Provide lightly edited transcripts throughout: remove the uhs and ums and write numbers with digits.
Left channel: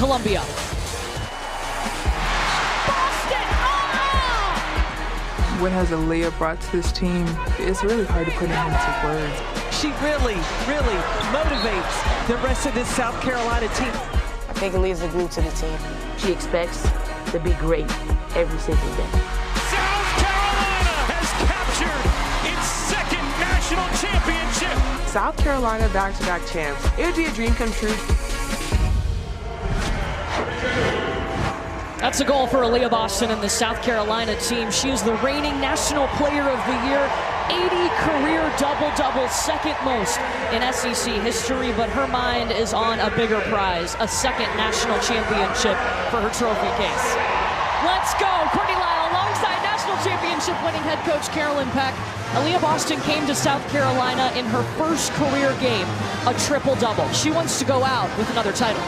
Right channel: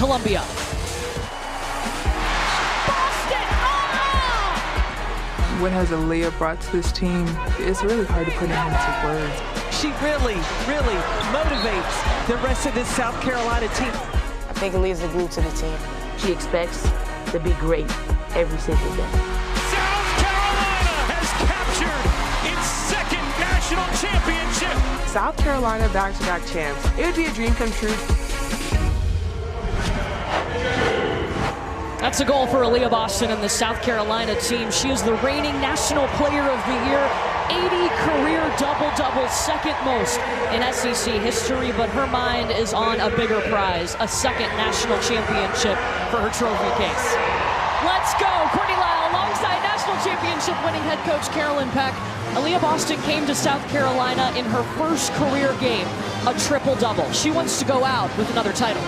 Columbia. What has Aaliyah brought to this team? It's really hard to put it into words. She really motivates the rest of this South Carolina team. I think Aaliyah's the glue to the team. She expects to be great every single day. South Carolina has captured its second national championship. South Carolina back-to-back champs. It would be a dream come true. That's a goal for Aaliyah Boston and the South Carolina team. She is the reigning National Player of the Year. 80 career double-doubles, second most in SEC history, but her mind is on a bigger prize, a second national championship for her trophy case. Let's go, Courtney Lyle alongside national championship winning head coach Carolyn Peck. Aaliyah Boston came to South Carolina in her first career game, a triple-double. She wants to go out with another title.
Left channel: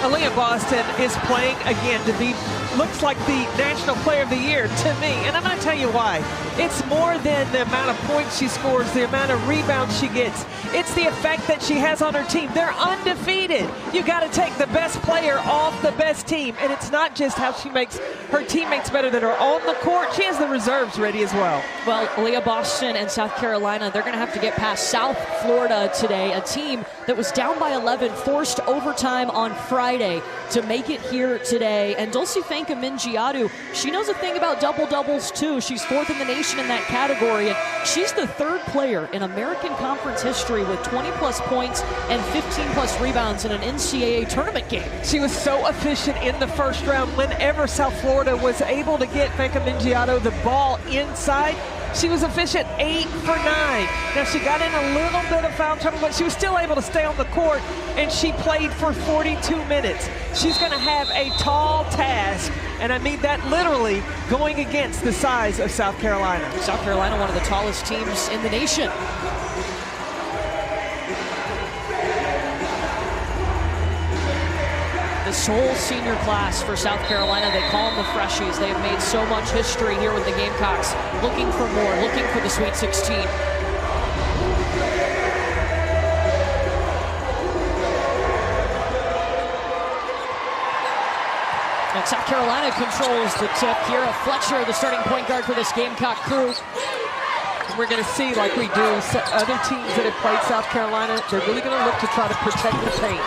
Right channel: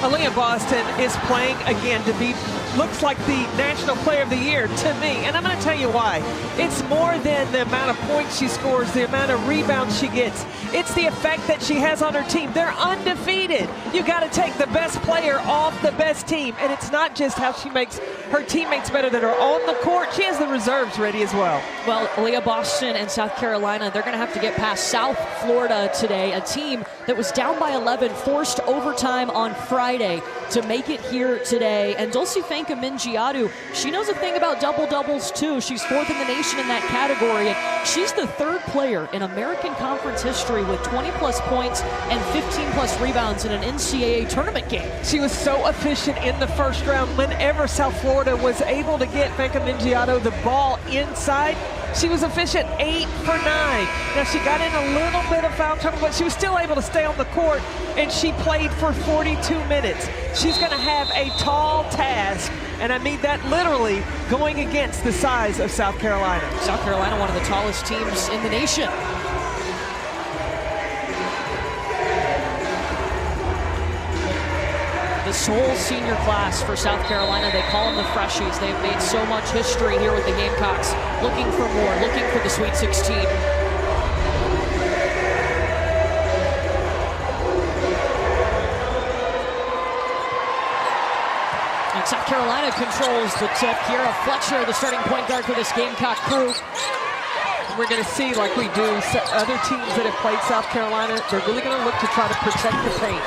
Aaliyah Boston is playing again to be, looks like the National Player of the Year to me, and I'm going to tell you why. It's more than the amount of points she scores, the amount of rebounds she gets. It's the effect that she has on her team. They're undefeated. You got to take the best player off the best team, and it's not just how she makes her teammates better that are on the court. She has the reserves ready as well. Well, Aaliyah Boston and South Carolina, they're going to have to get past South Florida today, a team that was down by 11, forced overtime on Friday to make it here today. And Dulce Fanka-Mingiadu, she knows a thing about double-doubles too. She's fourth in the nation in that category, and she's the third player in American Conference history with 20-plus points and 15-plus rebounds in an NCAA tournament game. She was so efficient in the first round. Whenever South Florida was able to get Fanka-Mingiadu the ball inside, she was efficient, 8 for 9. Now, she got in a little bit of foul trouble, but she was still able to stay on the court, and she played for 42 minutes. She's going to have a tall task, and I mean that literally, going against the size of South Carolina. South Carolina, one of the tallest teams in the nation. This whole senior class for South Carolina, they call them the Freshies. They have made so much history here with the Gamecocks, looking for more, looking for the Sweet 16. And South Carolina controls the tip. Kiera Fletcher, the starting point guard for this Gamecock crew. We're going to see, like we do, other teams that have played South Carolina, they're really going to look to try to protect the paint.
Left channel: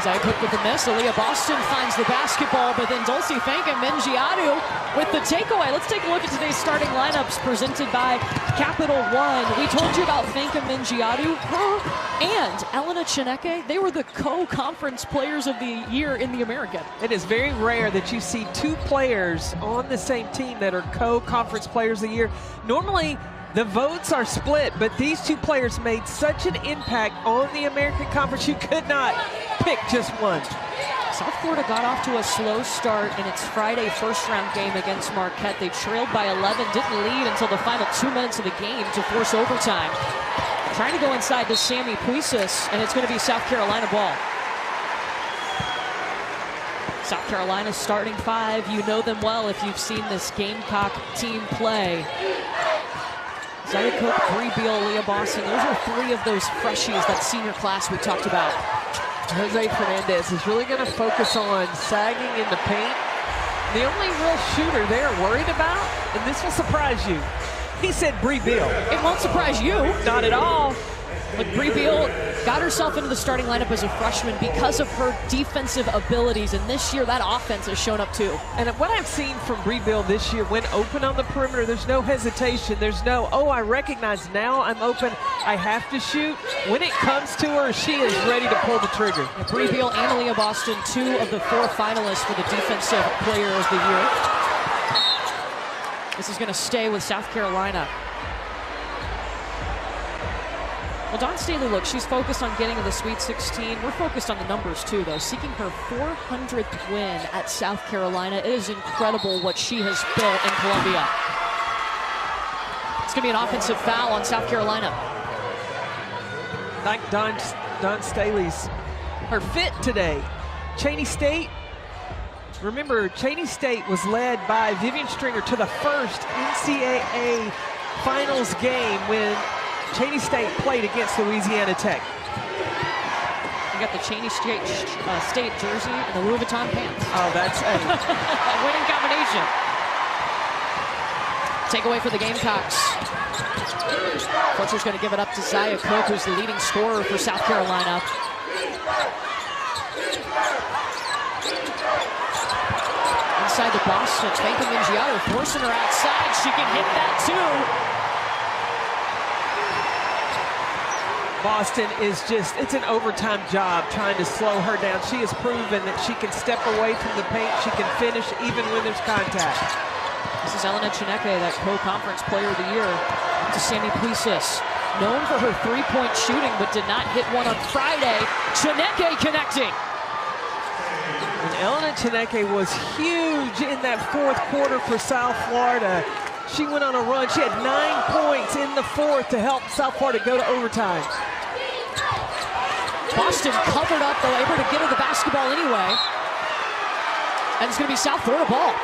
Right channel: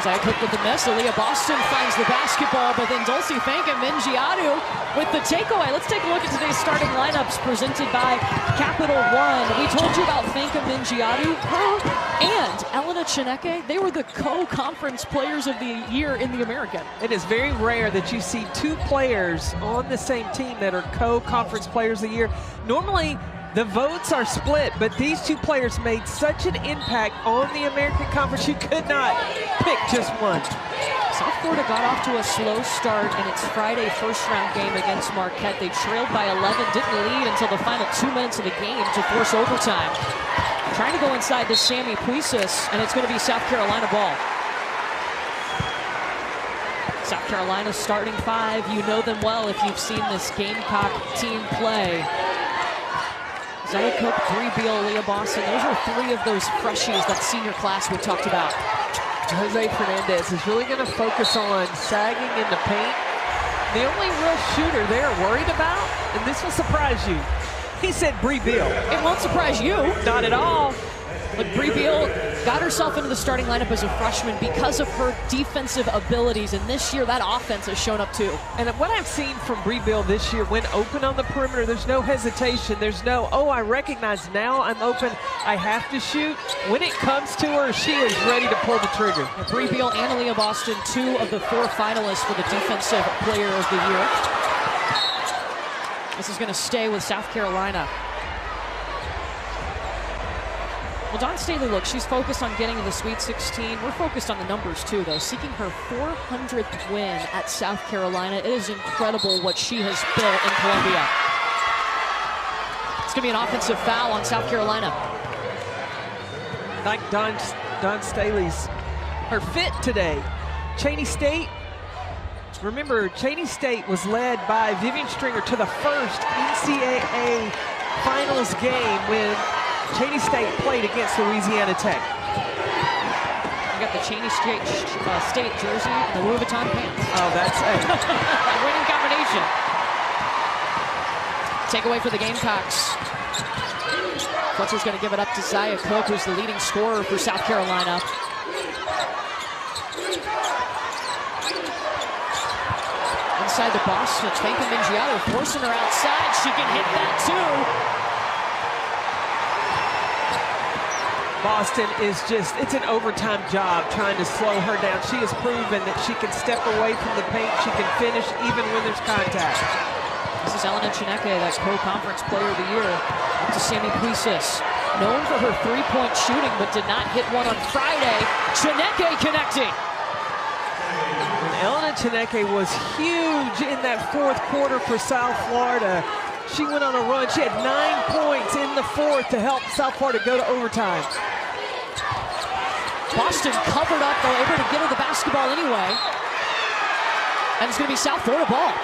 Zaya Cook with the miss. Aaliyah Boston finds the basketball, but then Dulce Fanka-Mingiadu with the takeaway. Let's take a look at today's starting lineups presented by Capital One. We told you about Fanka-Mingiadu. Her and Elena Chineke, they were the co-conference players of the year in the American. It is very rare that you see two players on the same team that are co-conference players of the year. Normally, the votes are split, but these two players made such an impact on the American Conference, you could not pick just one. South Florida got off to a slow start in its Friday first-round game against Marquette. They trailed by 11, didn't lead until the final 2 minutes of the game to force overtime. Trying to go inside to Sammy Puisis, and it's going to be South Carolina ball. South Carolina's starting five. You know them well if you've seen this Gamecock team play. Zaya Cook, Bree Beal, Aaliyah Boston, those are three of those freshies, that senior class we talked about. Jose Fernandez is really going to focus on sagging in the paint. The only real shooter they're worried about, and this will surprise you, he said Bree Beal. It won't surprise you. Not at all. Look, Bree Beal got herself into the starting lineup as a freshman because of her defensive abilities, and this year that offense has shown up too. And what I've seen from Bree Beal this year, when open on the perimeter, there's no hesitation. There's no, oh, I recognize now I'm open, I have to shoot. When it comes to her, she is ready to pull the trigger. Yeah, Bree Beal and Aaliyah Boston, two of the four finalists for the Defensive Player of the Year. This is going to stay with South Carolina. Well, Dawn Staley, look, she's focused on getting to the Sweet 16. We're focused on the numbers, too, though. Seeking her 400th win at South Carolina. It is incredible what she has built in Columbia. It's going to be an offensive foul on South Carolina. Like Dawn Staley's, her fit today. Cheney State, remember, Cheney State was led by Vivian Stringer to the first NCAA Finals game when Cheney State played against Louisiana Tech. You got the Cheney State jersey and the Louis Vuitton pants. Oh, that's a winning combination. Takeaway for the Gamecocks. Fletcher's going to give it up to Zia Cook, who's the leading scorer for South Carolina. Inside to Boston, Fanka Mingiato forcing her outside. She can hit that too. Boston is just, it's an overtime job trying to slow her down. She has proven that she can step away from the paint. She can finish even when there's contact. This is Elena Chineke, that co-conference player of the year. Up to Sammy Puisis, known for her three-point shooting, but did not hit one on Friday. Chineke connecting. And Elena Chineke was huge in that fourth quarter for South Florida. She went on a run. She had 9 points in the fourth to help South Florida go to overtime. Boston covered up, though, able to get her the basketball anyway. And it's going to be South Florida ball.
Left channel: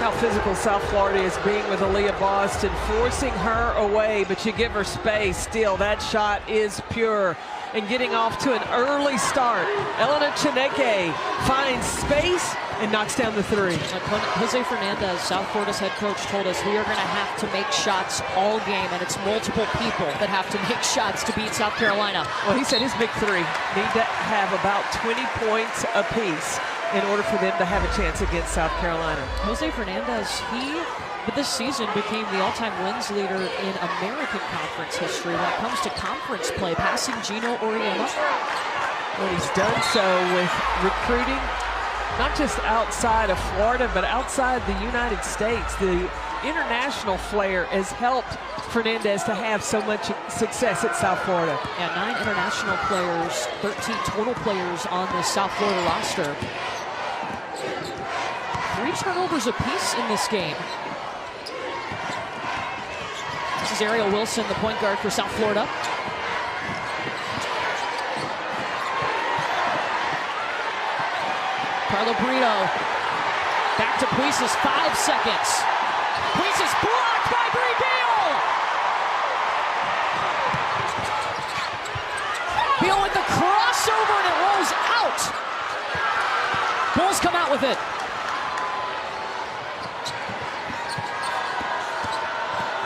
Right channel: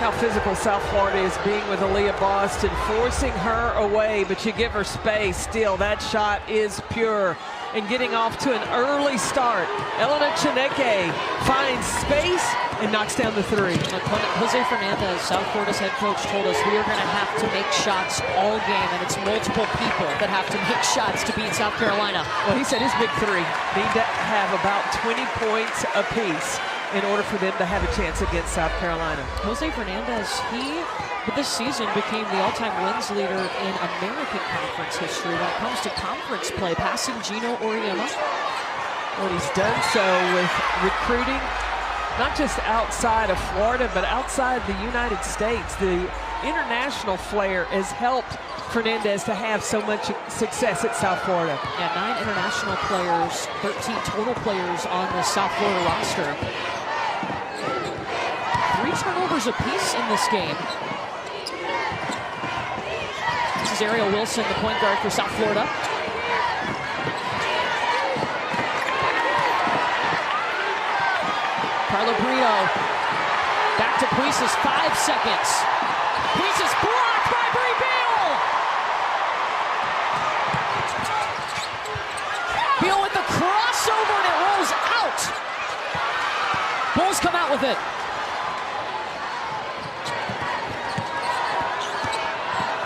How physical South Florida is being with Aaliyah Boston, forcing her away, but you give her space. Still, that shot is pure. And getting off to an early start, Elena Chineke finds space and knocks down the three. Jose Fernandez, South Florida's head coach, told us we are going to have to make shots all game, and it's multiple people that have to make shots to beat South Carolina. Well, he said his big three need to have about 20 points apiece in order for them to have a chance against South Carolina. Jose Fernandez, he, this season, became the all-time wins leader in American Conference history when it comes to conference play, passing Gino Auriemma. Well, he's done so with recruiting, not just outside of Florida, but outside the United States. The international flair has helped Fernandez to have so much success at South Florida. Yeah, 9 international players, 13 total players on this South Florida roster. 3 turnovers apiece in this game. This is Ariel Wilson, the point guard for South Florida. Carla Brito, back to Puisis, 5 seconds. Puisis blocked by Brie Beal! Beal with the crossover and it rolls out. Bulls come out with it.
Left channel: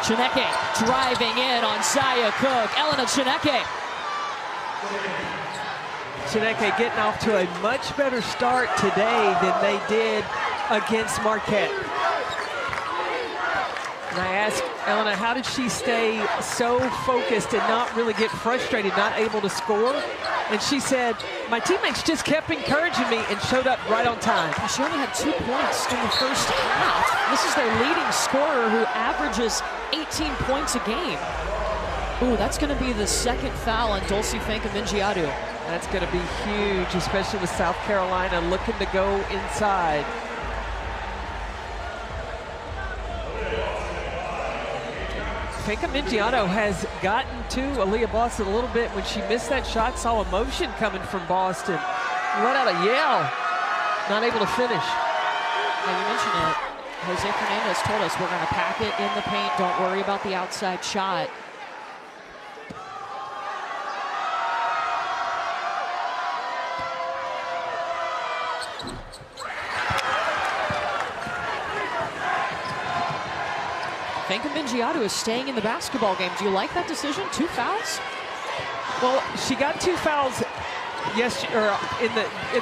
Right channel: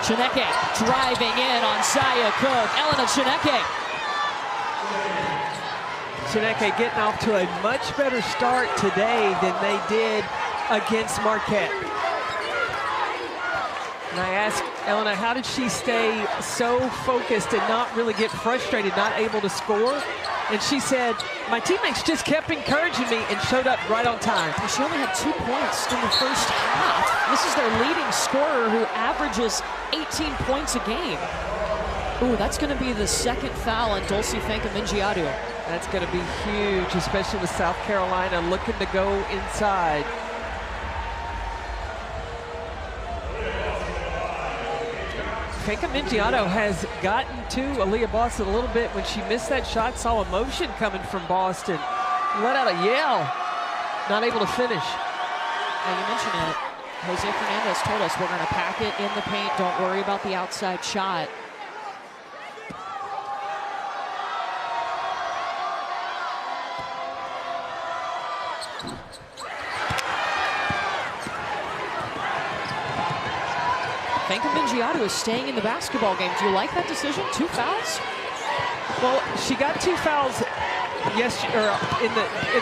Chineke driving in on Zia Cook. Elena Chineke. Chineke getting off to a much better start today than they did against Marquette. And I asked Elena, how did she stay so focused and not really get frustrated, not able to score? And she said, my teammates just kept encouraging me and showed up right on time. Well, she only had 2 points in the first half. This is their leading scorer who averages 18 points a game. Ooh, that's going to be the second foul on Dulce Fanka Mingiato. That's going to be huge, especially with South Carolina looking to go inside. Fanka Mingiato has gotten to Aaliyah Boston a little bit when she missed that shot, saw emotion coming from Boston. Let out a yell, not able to finish. Now you mentioned it. Jose Fernandez told us we're going to pack it in the paint. Don't worry about the outside shot. Fanka Mingiato is staying in the basketball game. Do you like that decision? 2 fouls? Well, she got 2 fouls in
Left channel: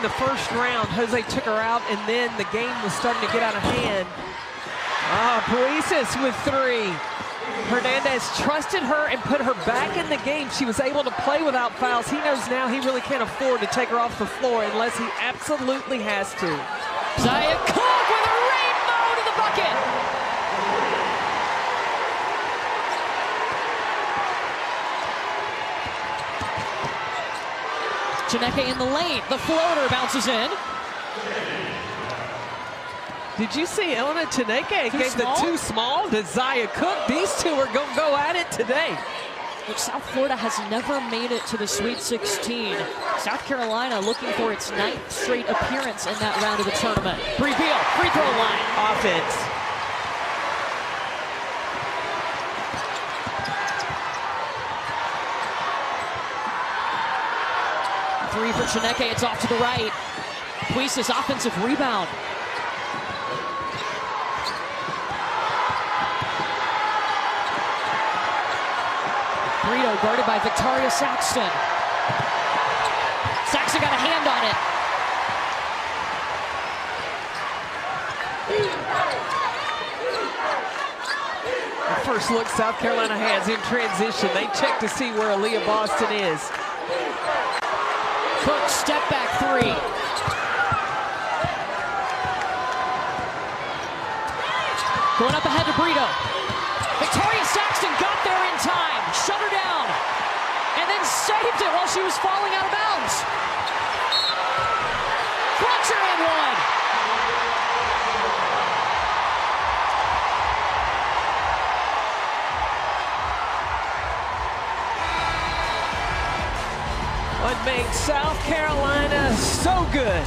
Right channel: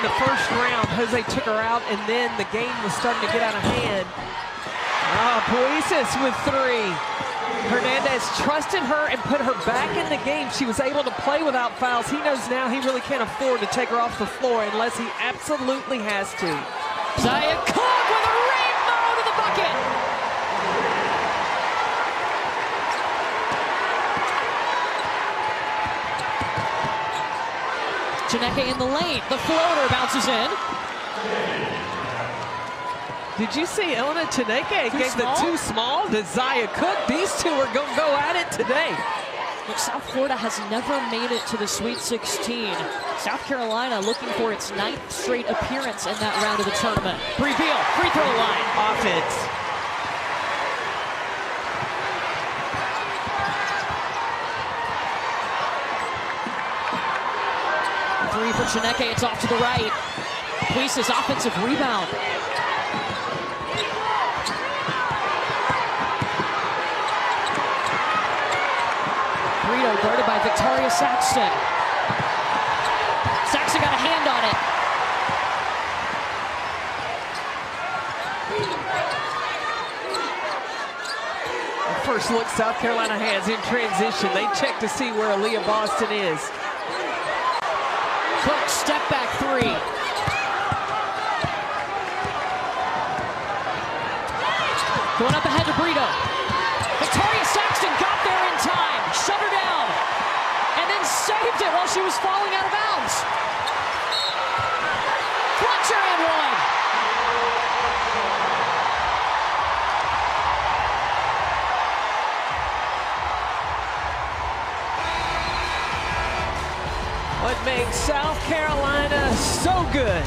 the first round. Jose took her out, and then the game was starting to get out of hand. Puisis with 3. Hernandez trusted her and put her back in the game. She was able to play without fouls. He knows now he really can't afford to take her off the floor unless he absolutely has to. Zia Cook with a rainbow to the bucket. Chineke in the lane. The floater bounces in. Did you see Elena Chineke gave the too small to Zia Cook? These two are going to go at it today. Look, South Florida has never made it to the Sweet 16. South Carolina looking for its 9th straight appearance in that round of the tournament. Brie Beal, free throw line. Offense. three for Chineke. It's off to the right. Puisa's offensive rebound. Brito guarded by Victoria Saxton. Saxton got a hand on it. The first look South Carolina has in transition. They check to see where Aaliyah Boston is. Cook, step back three. Going up ahead to Brito. Victoria Saxton got there in time, shut her down, and then saved it while she was falling out of bounds. Fletcher and one. What makes South Carolina so good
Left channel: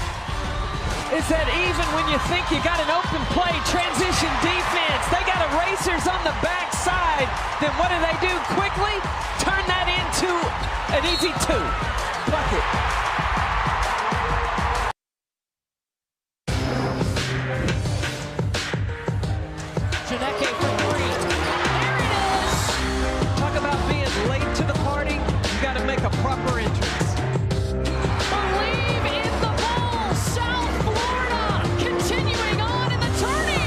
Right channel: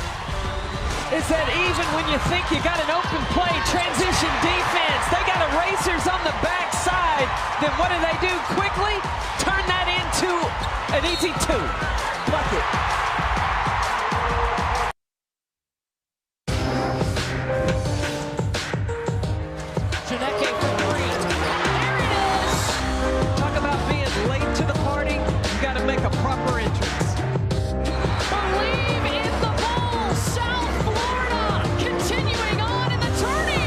is that even when you think you got an open play, transition defense, they got erasers on the backside, then what do? Quickly turn that into an easy two. Bucket. Chineke for three. There it is. Talk about being late to the party. You got to make a proper entrance. Believe in the Bulls. South Florida continuing on in the tourney.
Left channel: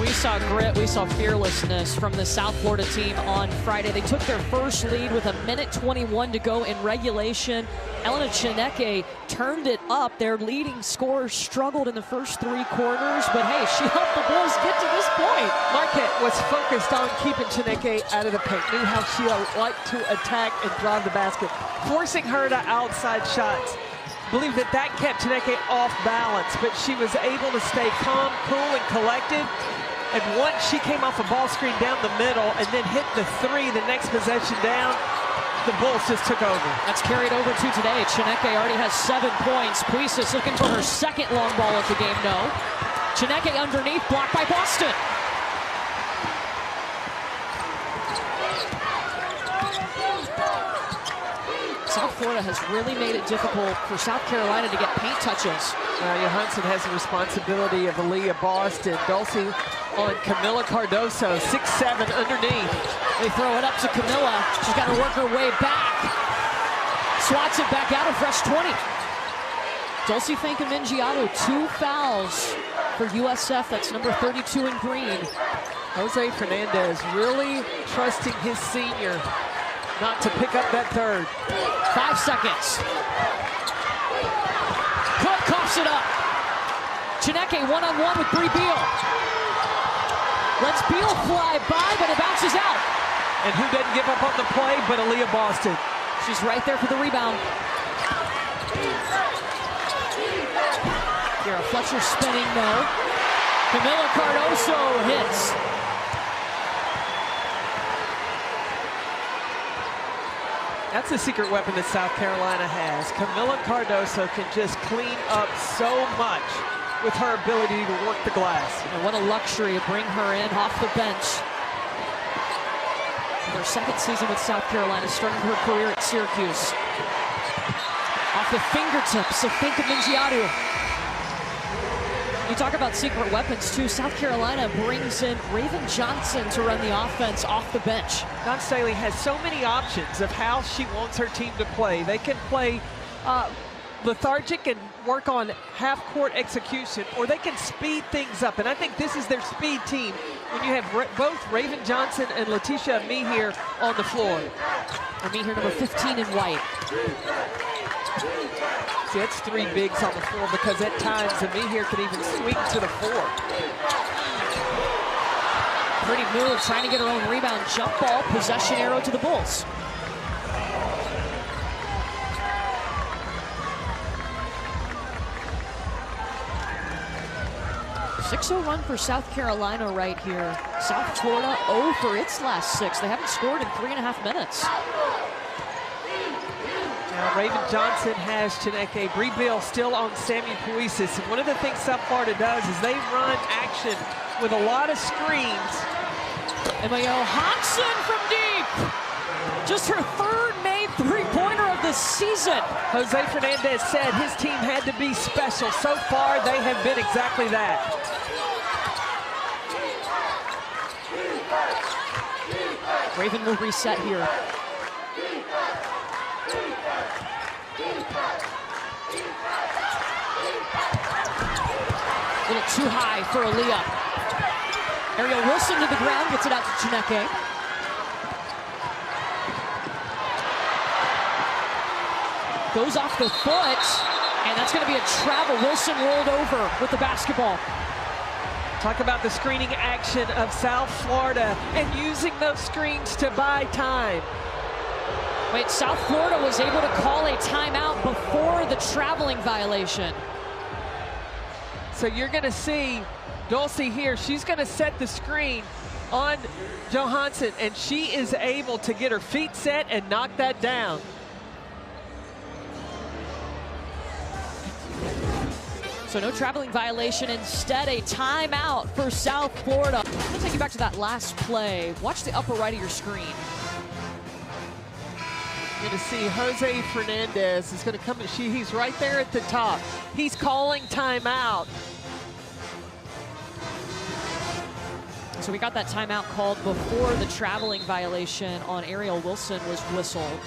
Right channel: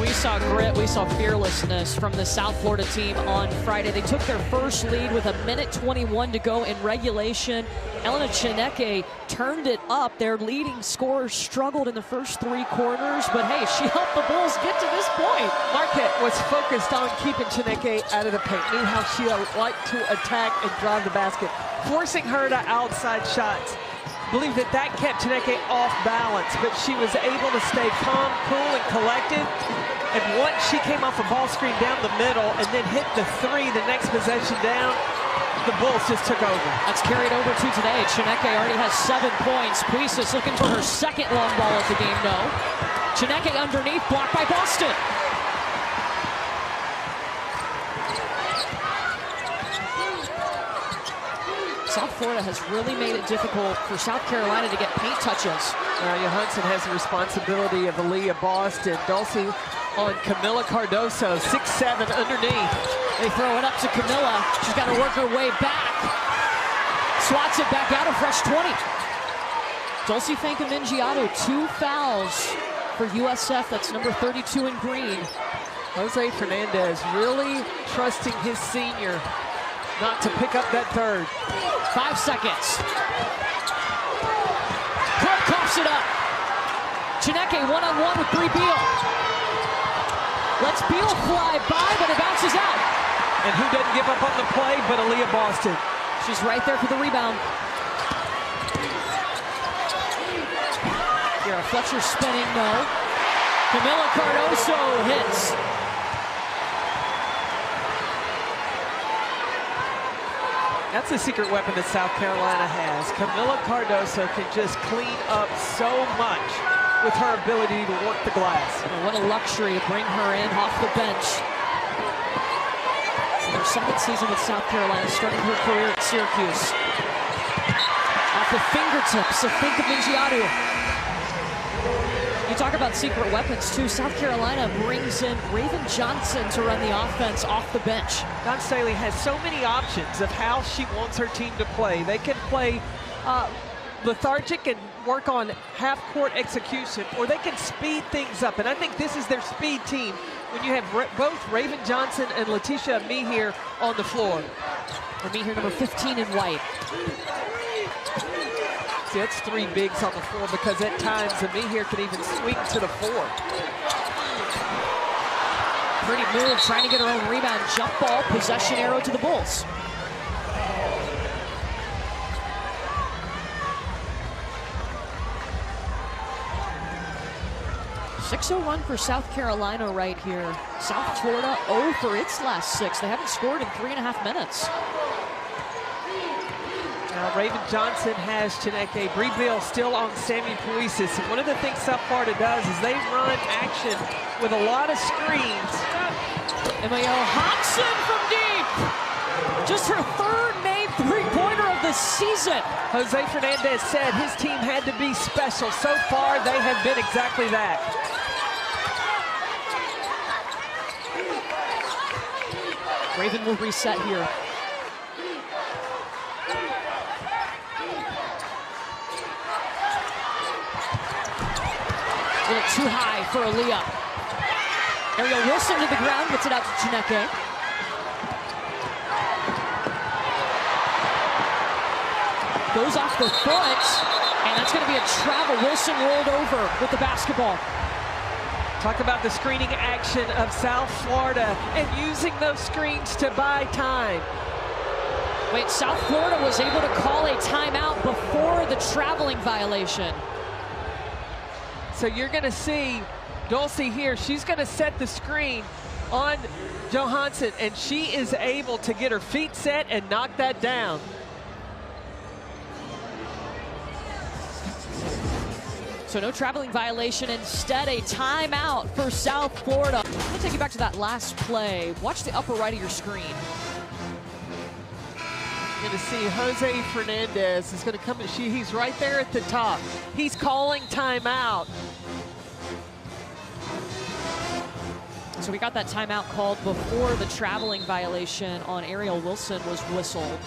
We saw grit, we saw fearlessness from the South Florida team on Friday. They took their first lead with 1:21 to go in regulation. Elena Chineke turned it up. Their leading scorer struggled in the first three quarters, but hey, she helped the Bulls get to this point. Marquette was focused on keeping Chineke out of the paint, knew how she liked to attack and drive the basket, forcing her to outside shots. Believe that kept Chineke off balance, but she was able to stay calm, cool, and collected. And once she came off a ball screen down the middle and then hit the three the next possession down, the Bulls just took over. That's carried over to today. Chineke already has 7 points. Puisa's looking for her second long ball of the game, no. Chineke underneath, blocked by Boston. South Florida has really made it difficult for South Carolina to get paint touches. Now, Johansson has the responsibility of Aaliyah Boston. Dulcie on Camila Cardoso, 6'7" underneath. They throw it up to Camilla. She's got to work her way back. Swats it back out, a fresh 20. Dulcie Fankamingiato, 2 fouls for USF. That's number 32 in green. Jose Fernandez really trusting his senior not to pick up that third. 5 seconds. Cook coughs it up. Chineke one-on-one with Bree Beal. Lets Beal fly by, but it bounces out. And who doesn't give up on the play but Aaliyah Boston? She's right there for the rebound. Here, Fletcher spinning, no. Camila Cardoso hits. That's a secret weapon that South Carolina has. Camila Cardoso can just clean up so much with her ability to work the glass. And what a luxury to bring her in off the bench. In her second season with South Carolina, starting her career at Syracuse. Off the fingertips of Fankamingiato. You talk about secret weapons too. South Carolina brings in Raven Johnson to run the offense off the bench. Dawn Staley has so many options of how she wants her team to play. They can play lethargic and work on half-court execution, or they can speed things up. And I think this is their speed team when you have both Raven Johnson and Letitia Mihir on the floor. Mihir, number 15 in white. See, that's 3 bigs on the floor because at times Mihir can even swing to the 4. Pretty move, trying to get her own rebound. Jump ball, possession arrow to the Bulls. .60 run for South Carolina right here. South Florida 0 for its last 6. They haven't scored in 3.5 minutes. Now Raven Johnson has Chineke. Bree Beal still on Sammy Puisis. And one of the things South Florida does is they run action with a lot of screens. Emma Johansson from deep. Just her 3rd made 3-pointer season. Jose Fernandez said his team had to be special. So far, they have been exactly that. Raven will reset here. A little too high for Aaliyah. Ariel Wilson to the ground, gets it out to Chineke. Goes off the foot, and that's going to be a travel. Wilson rolled over with the basketball. Talk about the screening action of South Florida and using those screens to buy time. Wait, South Florida was able to call a timeout before the traveling violation. So you're going to see Dulce here. She's going to set the screen on Johansson, and she is able to get her feet set and knock that down. So no traveling violation, instead a timeout for South Florida. I'm gonna take you back to that last play. Watch the upper right of your screen. You're gonna see Jose Fernandez is gonna come, he's right there at the top. He's calling timeout. So we got that timeout called before the traveling violation on Ariel Wilson was whistled.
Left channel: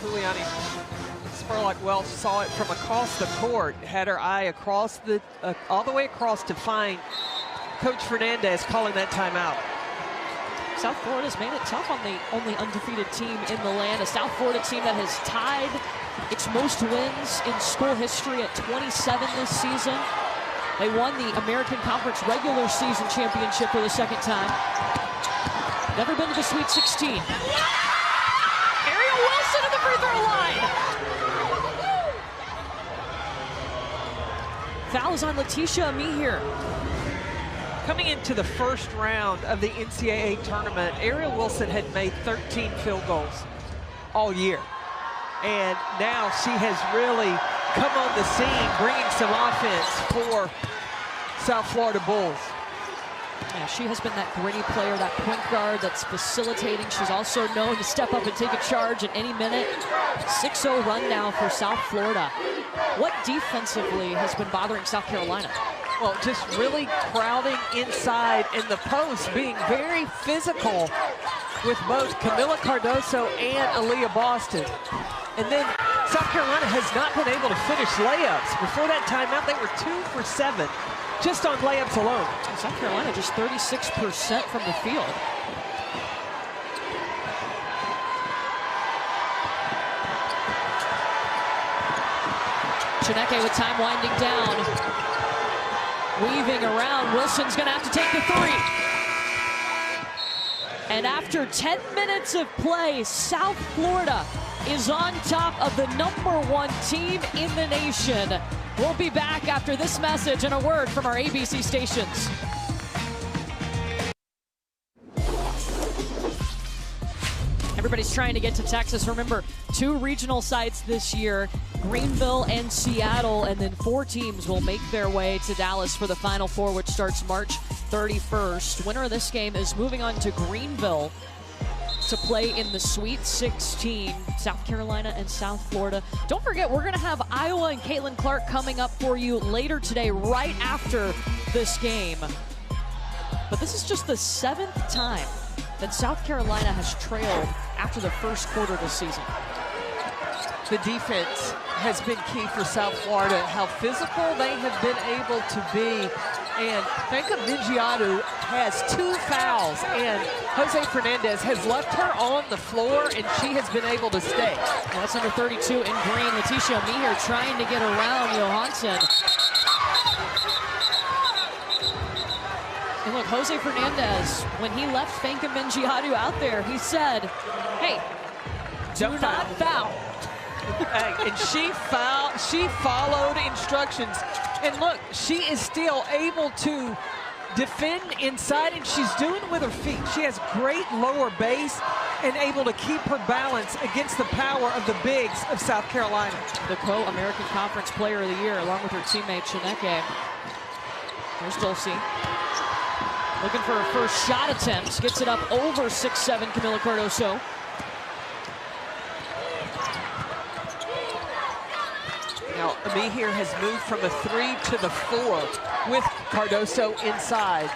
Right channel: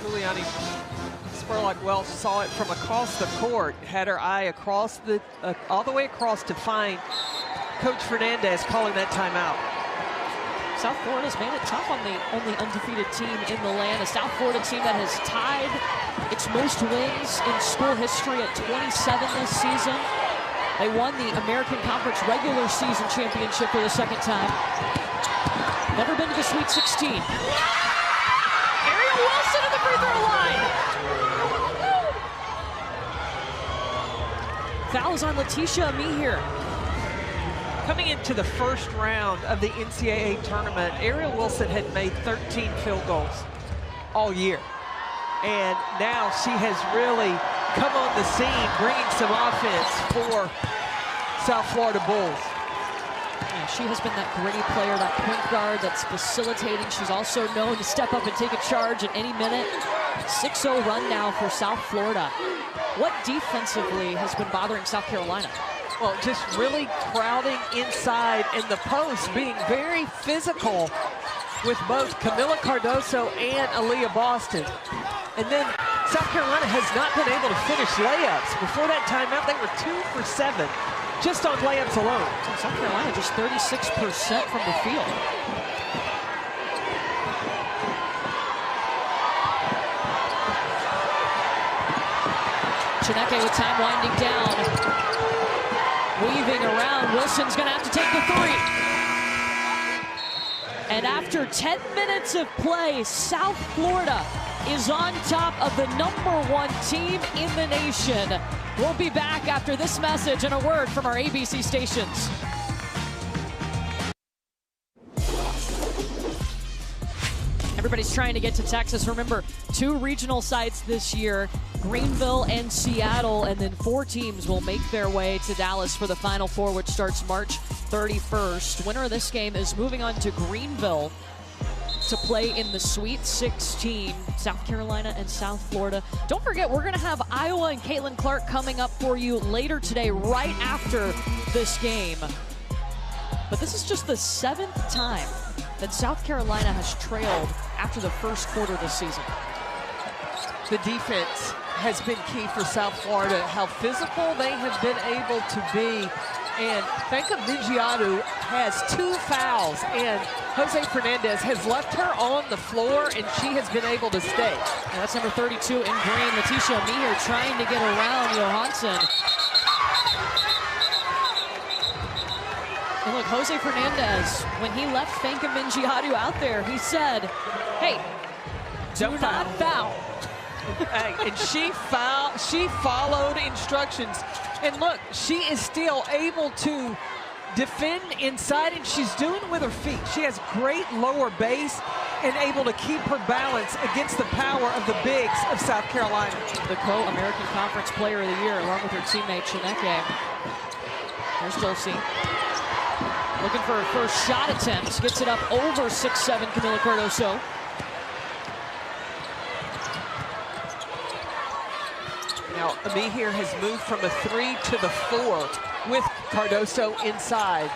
Juliani Spurlock Welch saw it from across the court, had her eye across the, all the way across to find Coach Fernandez calling that timeout. South Florida's made it tough on the only undefeated team in the land. A South Florida team that has tied its most wins in school history at 27 this season. They won the American Conference regular season championship for the second time. Never been to the Sweet 16. Ariel Wilson at the free throw line. Foul is on Letitia Amihir. Coming into the first round of the NCAA tournament, Ariel Wilson had made 13 field goals all year. And now she has really come on the scene, bringing some offense for South Florida Bulls. Yeah, she has been that gritty player, that point guard that's facilitating. She's also known to step up and take a charge at any minute. 6-0 run now for South Florida. What defensively has been bothering South Carolina? Well, just really crowding inside in the post, being very physical with both Camila Cardoso and Aaliyah Boston. And then South Carolina has not been able to finish layups. Before that timeout, they were 2 for 7 just on layups alone. South Carolina just 36% from the field. Chineke with time winding down. Weaving around, Wilson's gonna have to take the three. And after 10 minutes of play, South Florida is on top of the #1 team in the nation. We'll be back after this message and a word from our ABC stations. Everybody's trying to get to Texas. Remember, 2 regional sites this year, Greenville and Seattle, and then 4 teams will make their way to Dallas for the Final Four, which starts March 31st. Winner of this game is moving on to Greenville to play in the Sweet 16, South Carolina and South Florida. Don't forget, we're going to have Iowa and Caitlin Clark coming up for you later today, right after this game. But this is just the 7th time that South Carolina has trailed after the first quarter this season. The defense has been key for South Florida, how physical they have been able to be. And Fanka Vigiadu has 2 fouls, and Jose Fernandez has left her on the floor, and she has been able to stay. Yeah, that's number 32 in green, Letitia Amihir, trying to get around Johansson. And look, Jose Fernandez, when he left Fanka Vigiadu out there, he said, hey, do not foul. And she followed instructions. And look, she is still able to defend inside, and she's doing it with her feet. She has great lower base and able to keep her balance against the power of the bigs of South Carolina. The co-American Conference Player of the Year, along with her teammate Chineke. There's Dulce. Looking for her first shot attempt. Gets it up over 6'7", Camila Cardoso. Now, Ami here has moved from a 3 to the 4 with Cardoso inside.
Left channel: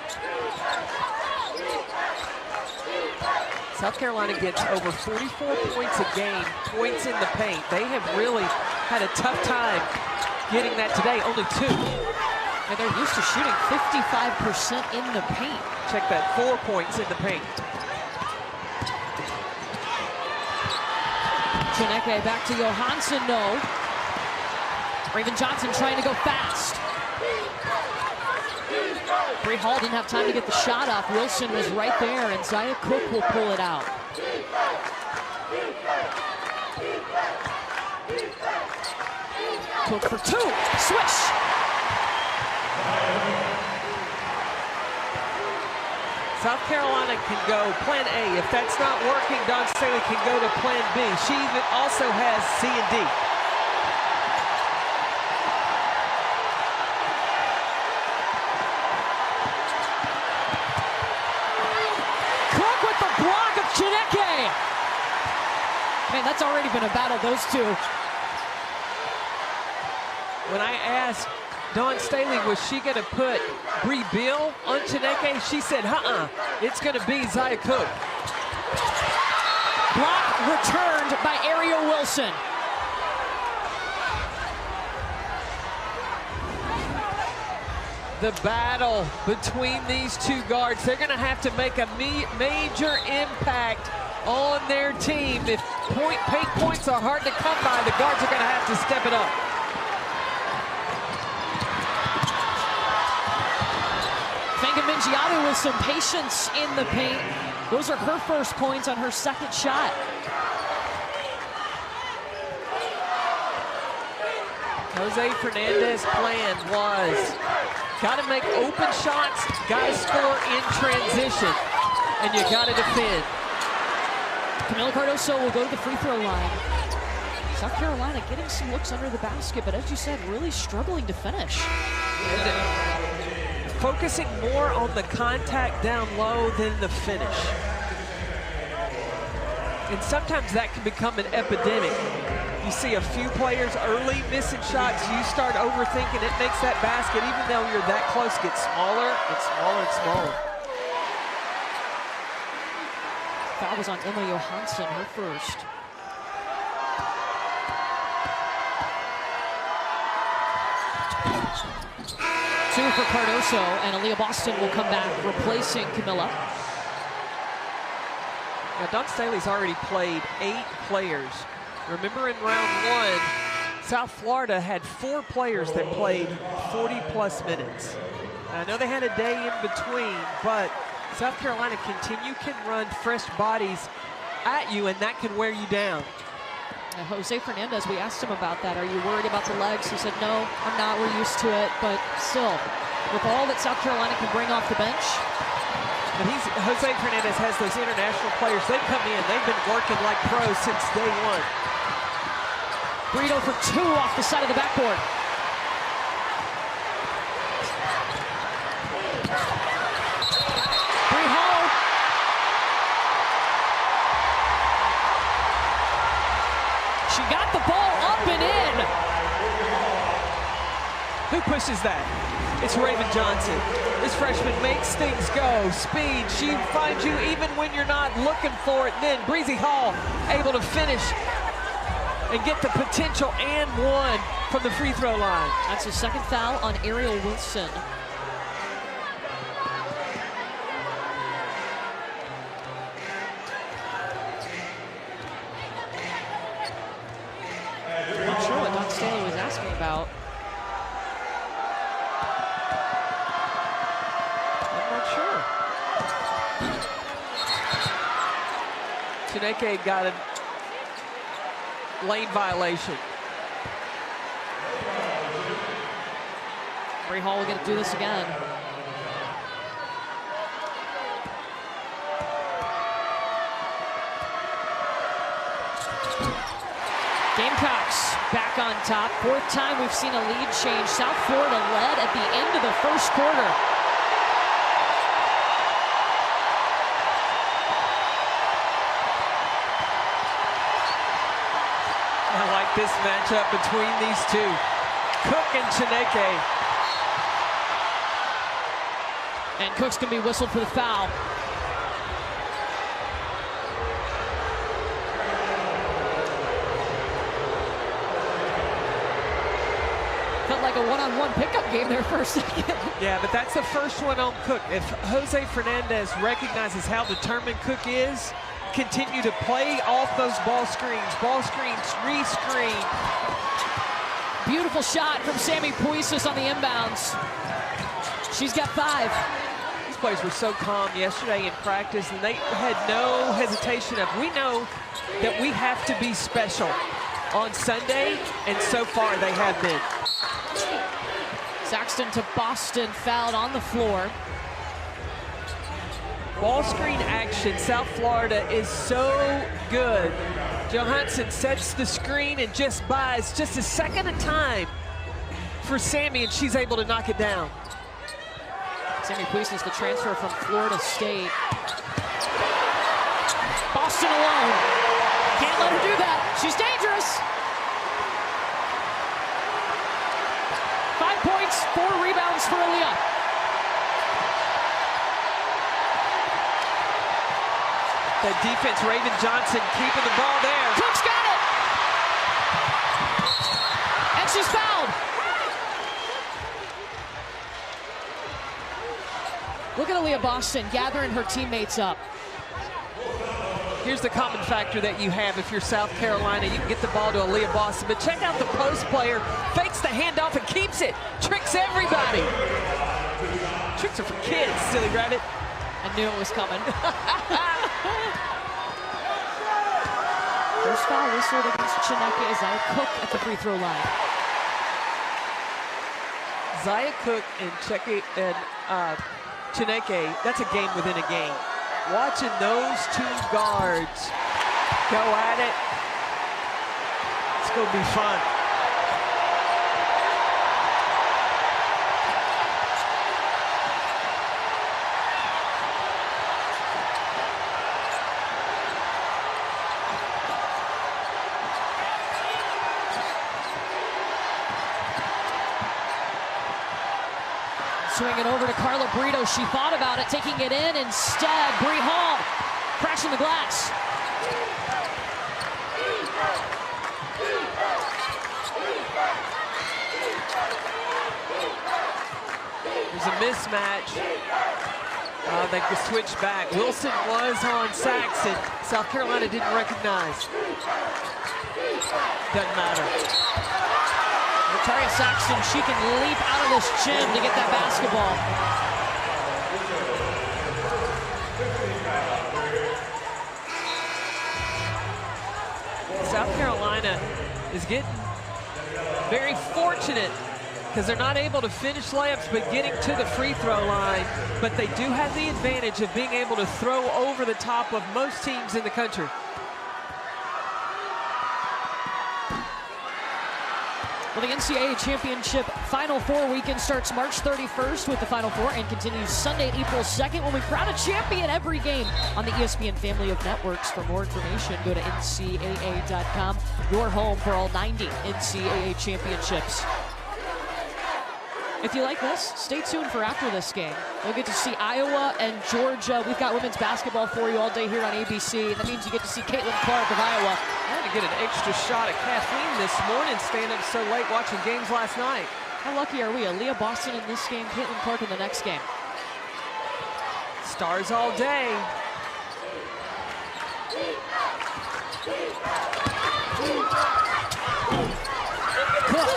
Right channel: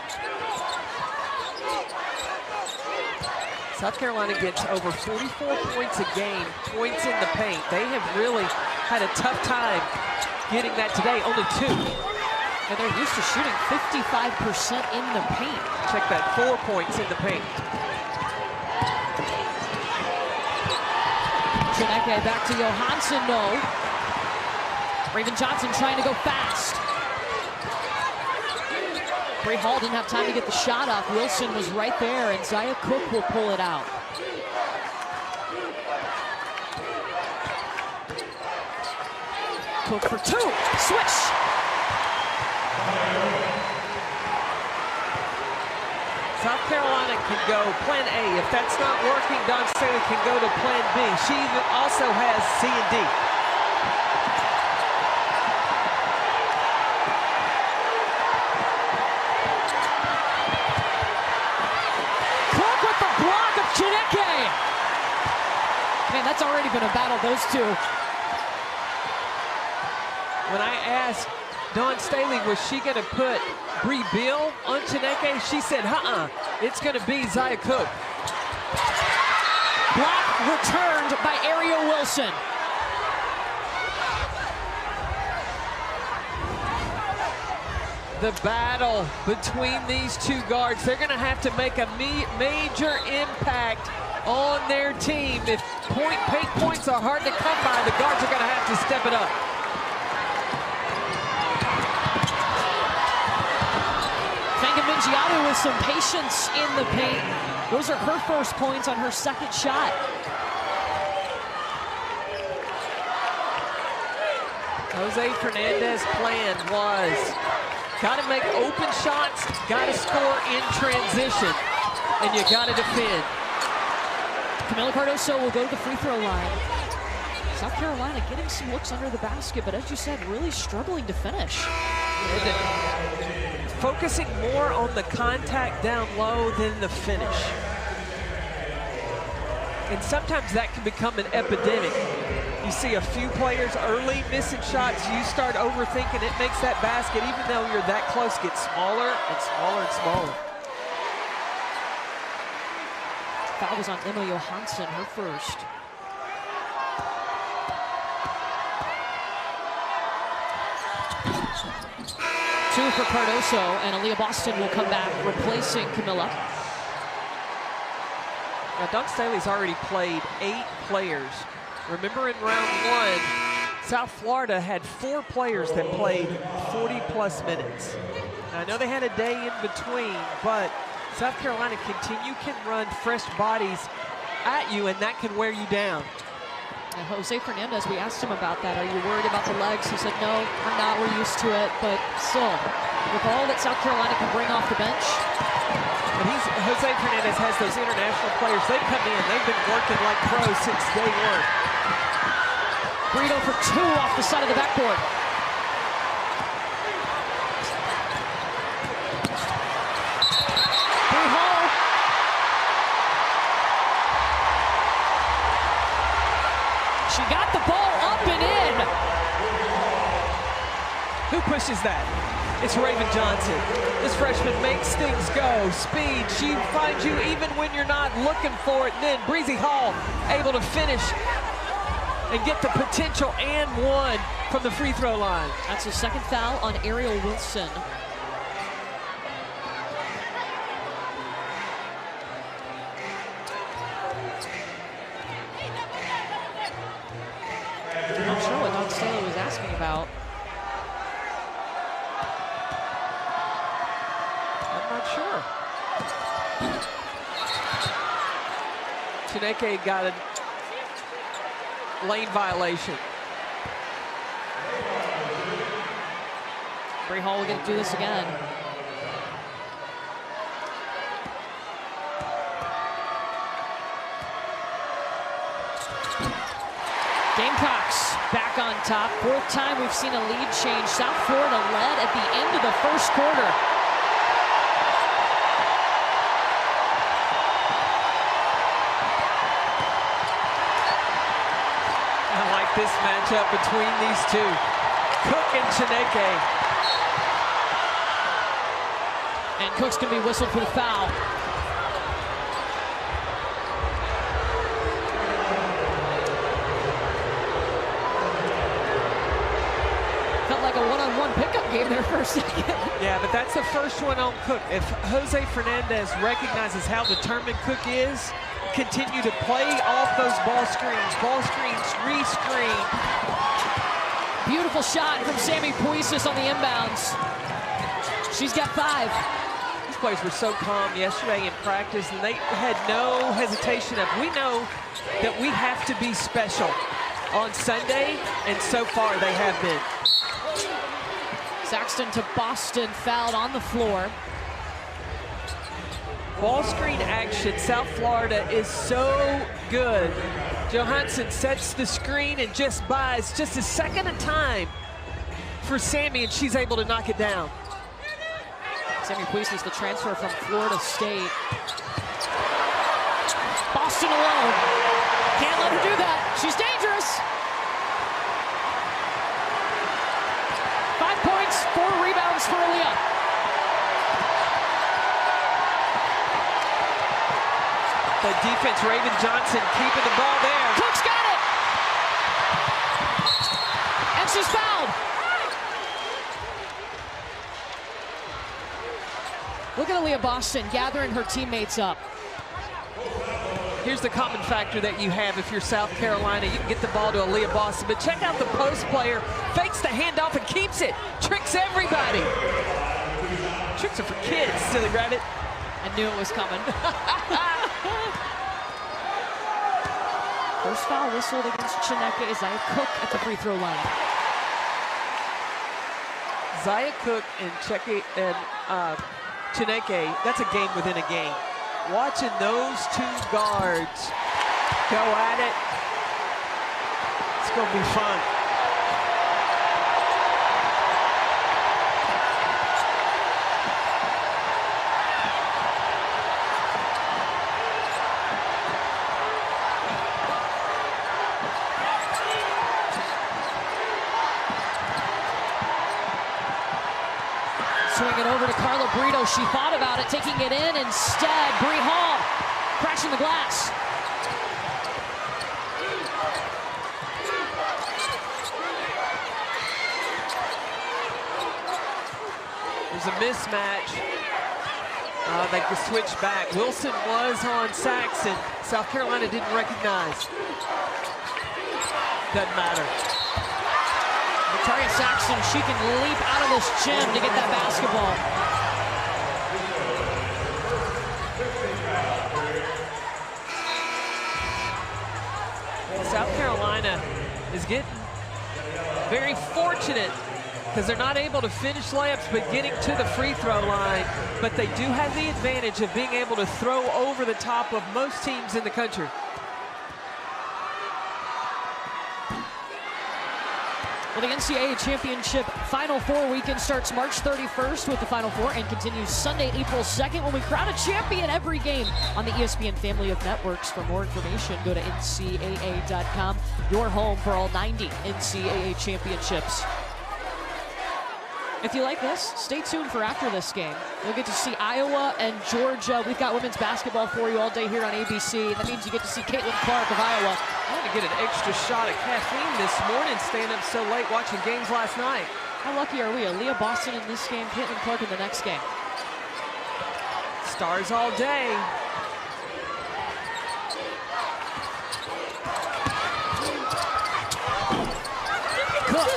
South Carolina gets over 44 points a game, points in the paint. They have really had a tough time getting that today, only 2. And they're used to shooting 55% in the paint. Check that, 4 points in the paint. Chineke back to Johansson, no. Raven Johnson trying to go fast. Bree Hall didn't have time to get the shot off. Wilson was right there, and Zaya Cook will pull it out. Cook for 2, swish. South Carolina can go plan A. If that's not working, Dawn Staley can go to plan B. She even also has C and D. Cook with the block of Chineke. Man, that's already been a battle, those two. When I asked Dawn Staley, was she going to put Bree Beal on Chineke? She said, it's going to be Zaya Cook. Block returned by Ariel Wilson. The battle between these two guards, they're going to have to make a major impact on their team. If paint points are hard to come by, the guards are going to have to step it up. Mingiadu with some patience in the paint. Those are her first points on her second shot. Jose Fernandez's plan was got to make open shots, got to score in transition, and you got to defend. Camila Cardoso will go to the free throw line. South Carolina getting some looks under the basket, but as you said, really struggling to finish. And focusing more on the contact down low than the finish. And sometimes that can become an epidemic. You see a few players early missing shots, you start overthinking, it makes that basket, even though you're that close, get smaller and smaller and smaller. Foul was on Emma Johansson, her first. Two for Cardoso, and Aaliyah Boston will come back, replacing Camila. Now, Dawn Staley's already played 8 players. Remember in round 1, South Florida had 4 players that played 40-plus minutes. Now, I know they had a day in between, but South Carolina can run fresh bodies at you, and that can wear you down. Jose Fernandez, we asked him about that. Are you worried about the legs? He said, no, I'm not. We're used to it. But still, with all that South Carolina can bring off the bench. But Jose Fernandez has those international players. They come in. They've been working like pros since day 1. Brito for 2 off the side of the backboard. Bree Hall. She got the ball up and in. Who pushes that? It's Raven Johnson. This freshman makes things go. Speed, she finds you even when you're not looking for it. And then Breezy Hall able to finish and get the potential and 1 from the free throw line. That's the second foul on Ariel Wilson. I'm not sure what Dawn Staley was asking about. I'm not sure. Chineke got a lane violation. Bree Hall will get to do this again. Gamecocks back on top. 4th time we've seen a lead change. South Florida led at the end of the first quarter. I like this matchup between these two, Cook and Chineke. And Cook's going to be whistled for the foul. Felt like a one-on-one pickup game there for a second. Yeah, but that's the first one on Cook. If Jose Fernandez recognizes how determined Cook is, continue to play off those ball screens, re-screen. Beautiful shot from Sammy Puisis on the inbounds. She's got 5. These players were so calm yesterday in practice, and they had no hesitation of, we know that we have to be special on Sunday, and so far they have been. Saxton to Boston, fouled on the floor. Ball screen action, South Florida is so good. Johansson sets the screen and just buys just a second of time for Sammy, and she's able to knock it down. Sammy Puisis, the transfer from Florida State. Boston alone. Can't let her do that. She's dangerous. 5 points, 4 rebounds for Aaliyah. The defense, Raven Johnson keeping the ball there. Cook's got it. And she's fouled. Look at Aaliyah Boston gathering her teammates up. Here's the common factor that you have if you're South Carolina. You can get the ball to Aaliyah Boston, but check out the post player. Fakes the handoff and keeps it. Tricks everybody. Tricks are for kids, silly rabbit. I knew it was coming. First foul whistled against Chineke. Zaya Cook at the free throw line. Zaya Cook and Chineke, that's a game within a game. Watching those two guards go at it, it's going to be fun. Swing it over to Carla Brito. She thought about it, taking it in instead. Bree Hall crashing the glass. There's a mismatch. They could switch back. Wilson was on Saxton. South Carolina didn't recognize. Doesn't matter. Victoria Saxton, she can leap out of this gym to get that basketball. South Carolina is getting very fortunate because they're not able to finish layups but getting to the free throw line. But they do have the advantage of being able to throw over the top of most teams in the country. Well, the NCAA Championship Final Four weekend starts March 31st with the Final Four and continues Sunday, April 2nd when we crown a champion every game on the ESPN family of networks. For more information, go to ncaa.com, your home for all 90 NCAA championships. If you like this, stay tuned for after this game. You'll get to see Iowa and Georgia. We've got women's basketball for you all day here on ABC. That means you get to see Caitlin Clark of Iowa. I had to get an extra shot of caffeine this morning, staying up so late watching games last night. How lucky are we? Aaliyah Boston in this game, Caitlin Clark in the next game. Stars all day. Cook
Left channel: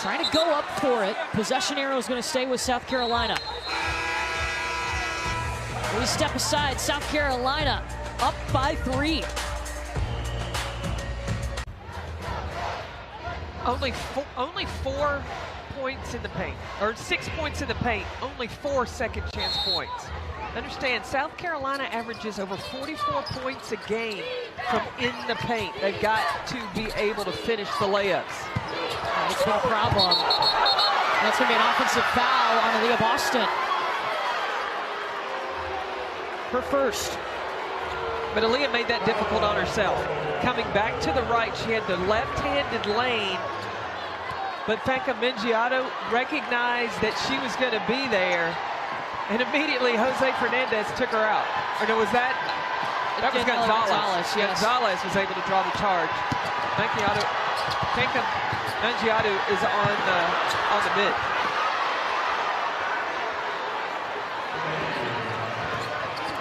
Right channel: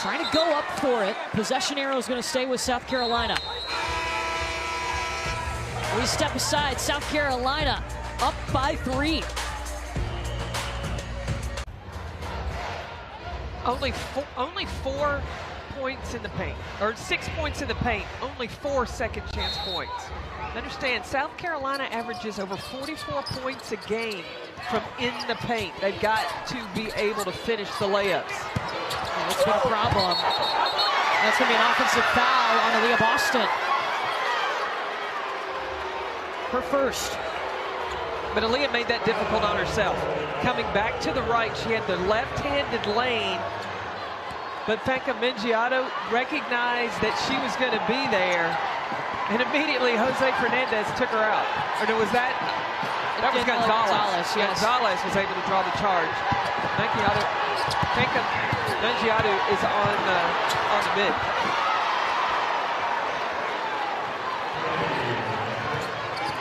trying to go up for it. Possession arrow is going to stay with South Carolina. We step aside. South Carolina up by 3. Only 4 points in the paint, or 6 points in the paint, only 4 second chance points. Understand, South Carolina averages over 44 points a game from in the paint. They've got to be able to finish the layups. And it's been a problem. That's going to be an offensive foul on Aaliyah Boston. Her first. But Aaliyah made that difficult on herself. coming back to the right. She had the left-handed lane, but Fanka Mengiado recognized that she was going to be there, and immediately Jose Fernandez took her out. Or no, was that was Gonzalez. Yes. Gonzalez was able to draw the charge. Fanka Mengiado is on the mid.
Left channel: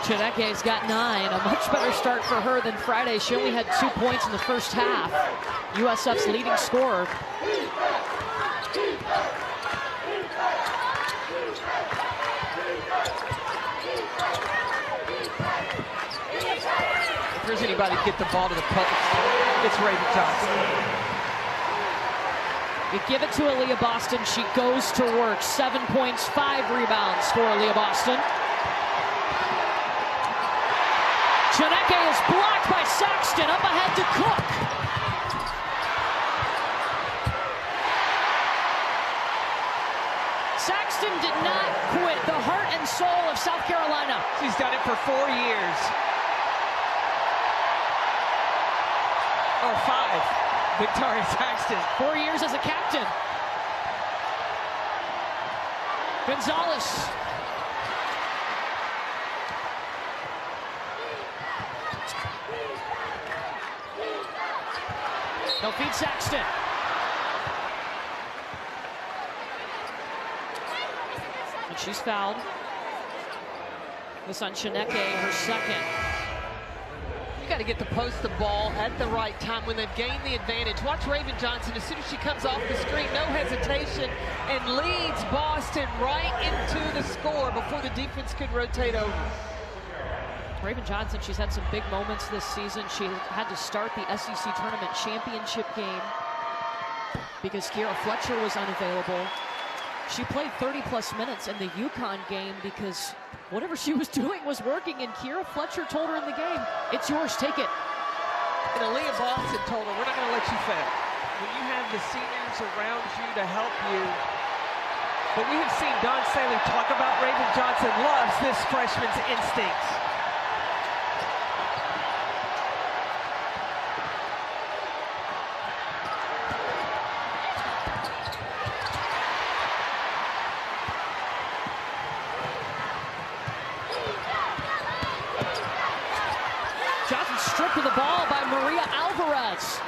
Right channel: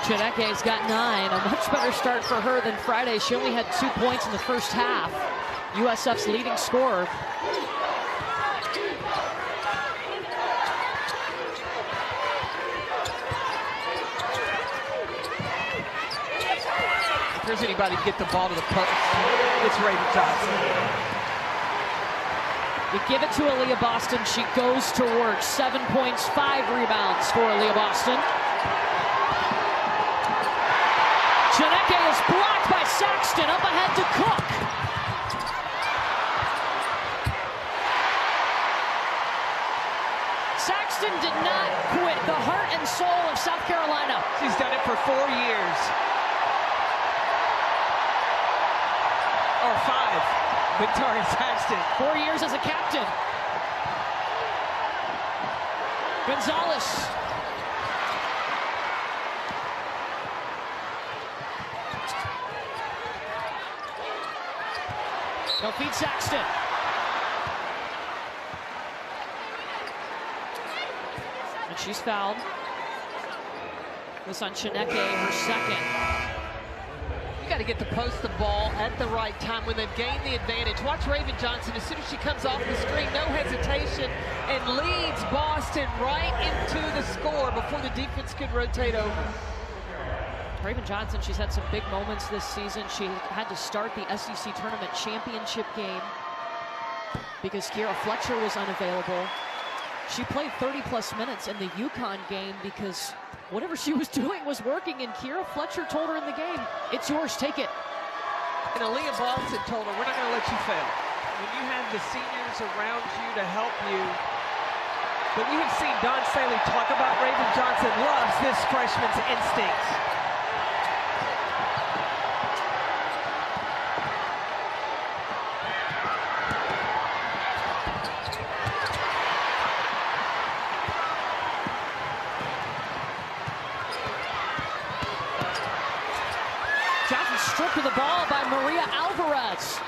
Chineke's got 9, a much better start for her than Friday. She only had 2 points in the first half. USF's leading scorer. If there's anybody to get the ball to the post, it's Raven Johnson. You give it to Aaliyah Boston, she goes to work. 7 points, 5 rebounds for Aaliyah Boston. Chineke is blocked by Saxton, up ahead to Cook. Saxton did not quit, the heart and soul of South Carolina. She's done it for 4 years. Or 5, Victoria Saxton. 4 years as a captain. Gonzalez. They'll feed Saxton. And she's fouled. This on Chineke, her second. You got to get the post the ball at the right time when they've gained the advantage. Watch Raven Johnson, as soon as she comes off the screen, no hesitation, and leads Boston right into the score before the defense could rotate over. Raven Johnson, she's had some big moments this season. She had to start the SEC Tournament Championship game because Kiera Fletcher was unavailable. She played 30-plus minutes in the UConn game because whatever she was doing was working, and Kiera Fletcher told her in the game, it's yours, take it. And Aaliyah Boston told her, we're not going to let you fail. When you have the seniors around you to help you. But we have seen Don Staley talk about Raven Johnson loves this freshman's instincts. Johnson stripped of the ball by Maria Alvarez.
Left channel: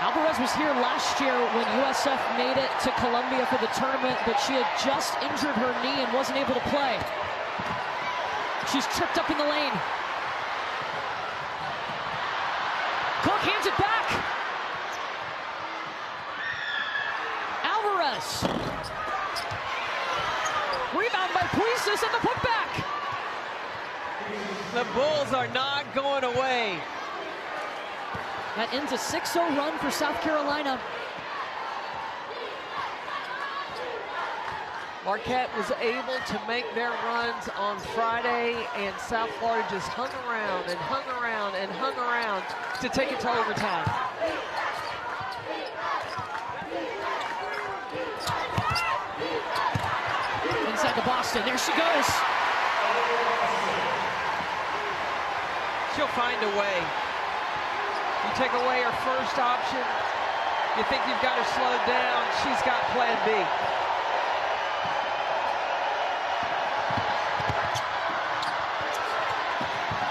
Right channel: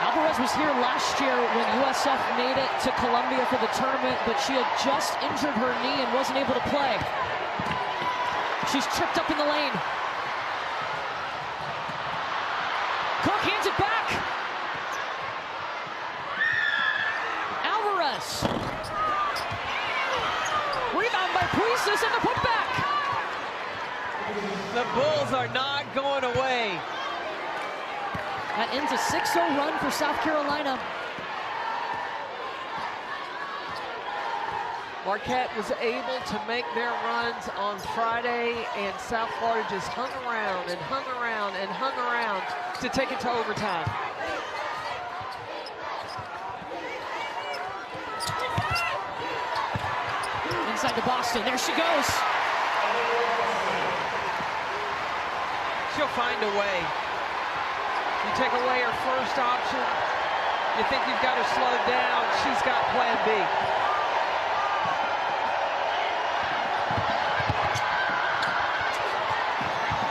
Alvarez was here last year when USF made it to Columbia for the tournament, but she had just injured her knee and wasn't able to play. She's tripped up in the lane. Cook hands it back. Alvarez. Rebound by Puisis and the putback. The Bulls are not going away. That ends a 6-0 run for South Carolina. Marquette was able to make their runs on Friday, and South Florida just hung around and hung around and hung around to take it to overtime. Inside to Boston, there she goes. She'll find a way. You take away her first option, you think you've got her slowed down, she's got plan B.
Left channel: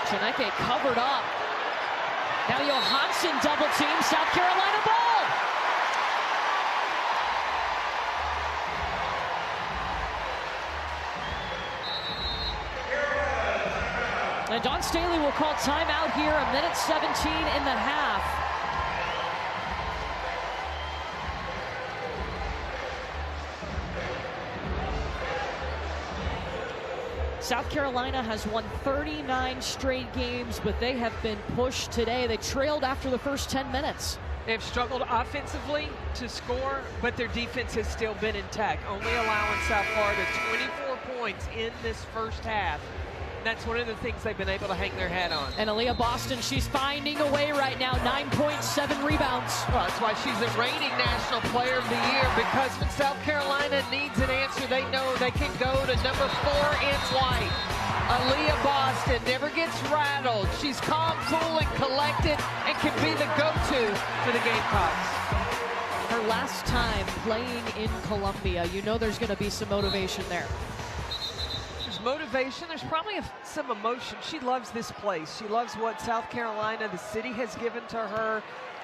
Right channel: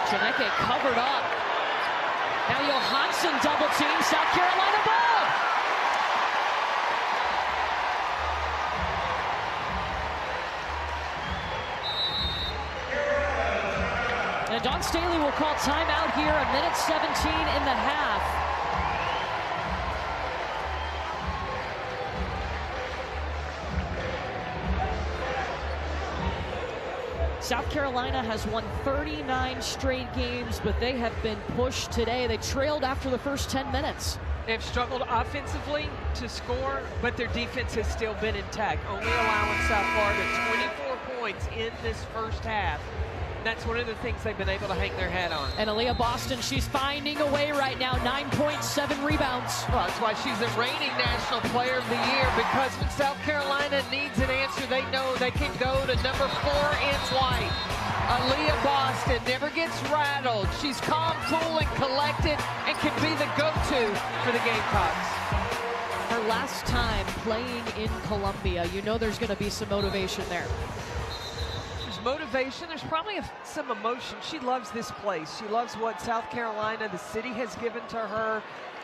Chineke covered up. Now Johansson double team, South Carolina ball. And Don Staley will call timeout here, 1:17 in the half. South Carolina has won 39 straight games, but they have been pushed today. They trailed after the first 10 minutes. They've struggled offensively to score, but their defense has still been intact, only allowing South Florida 24 points in this first half. that's one of the things they've been able to hang their hat on. And Aaliyah Boston, she's finding a way right now, 9.7 rebounds. Well, that's why she's the reigning National Player of the Year, because when South Carolina needs an answer, they know they can go to number 4 in white. Aaliyah Boston never gets rattled. She's calm, cool, and collected, and can be the go-to for the Gamecocks. Her last time playing in Columbia, you know there's going to be some motivation there. There's motivation. There's probably some emotion. She loves this place. She loves what South Carolina, the city, has given to her,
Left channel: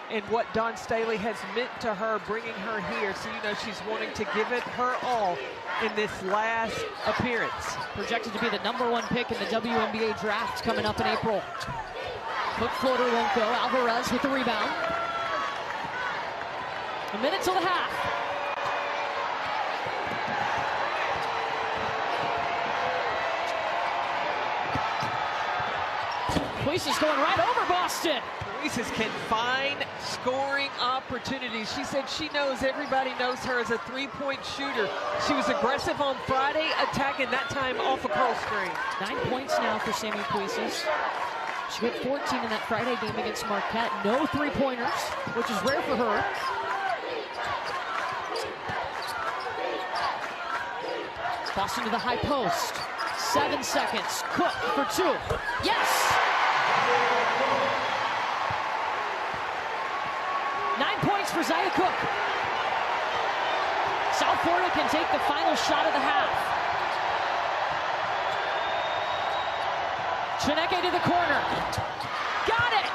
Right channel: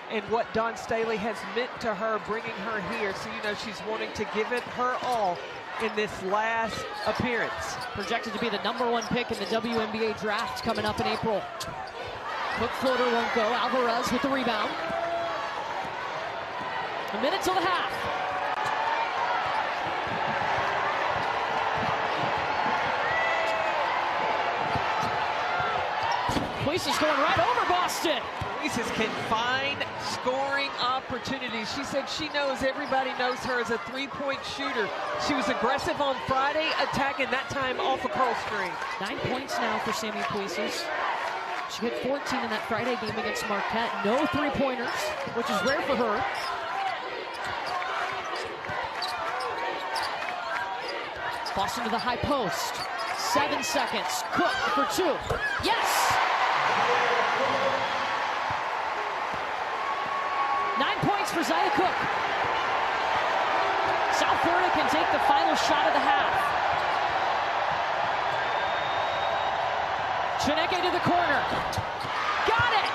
and what Dawn Staley has meant to her, bringing her here. So, you know, she's wanting to give it her all in this last appearance. Projected to be the #1 pick in the WNBA draft coming up in April. Hook floater won't go. Alvarez with the rebound. A minute till the half. Puisis going right over Boston. Puisis can find scoring opportunities. She said she knows everybody knows her as a three-point shooter. She was aggressive on Friday, attacking that time off a curl screen. 9 points now for Sammy Puisis. She hit 14 in that Friday game against Marquette. No three-pointers, which is rare for her. Boston to the high post. 7 seconds. Cook for 2. Yes! 9 points for Zaya Cook. South Florida can take the final shot of the half. Chineke to the corner. Got it!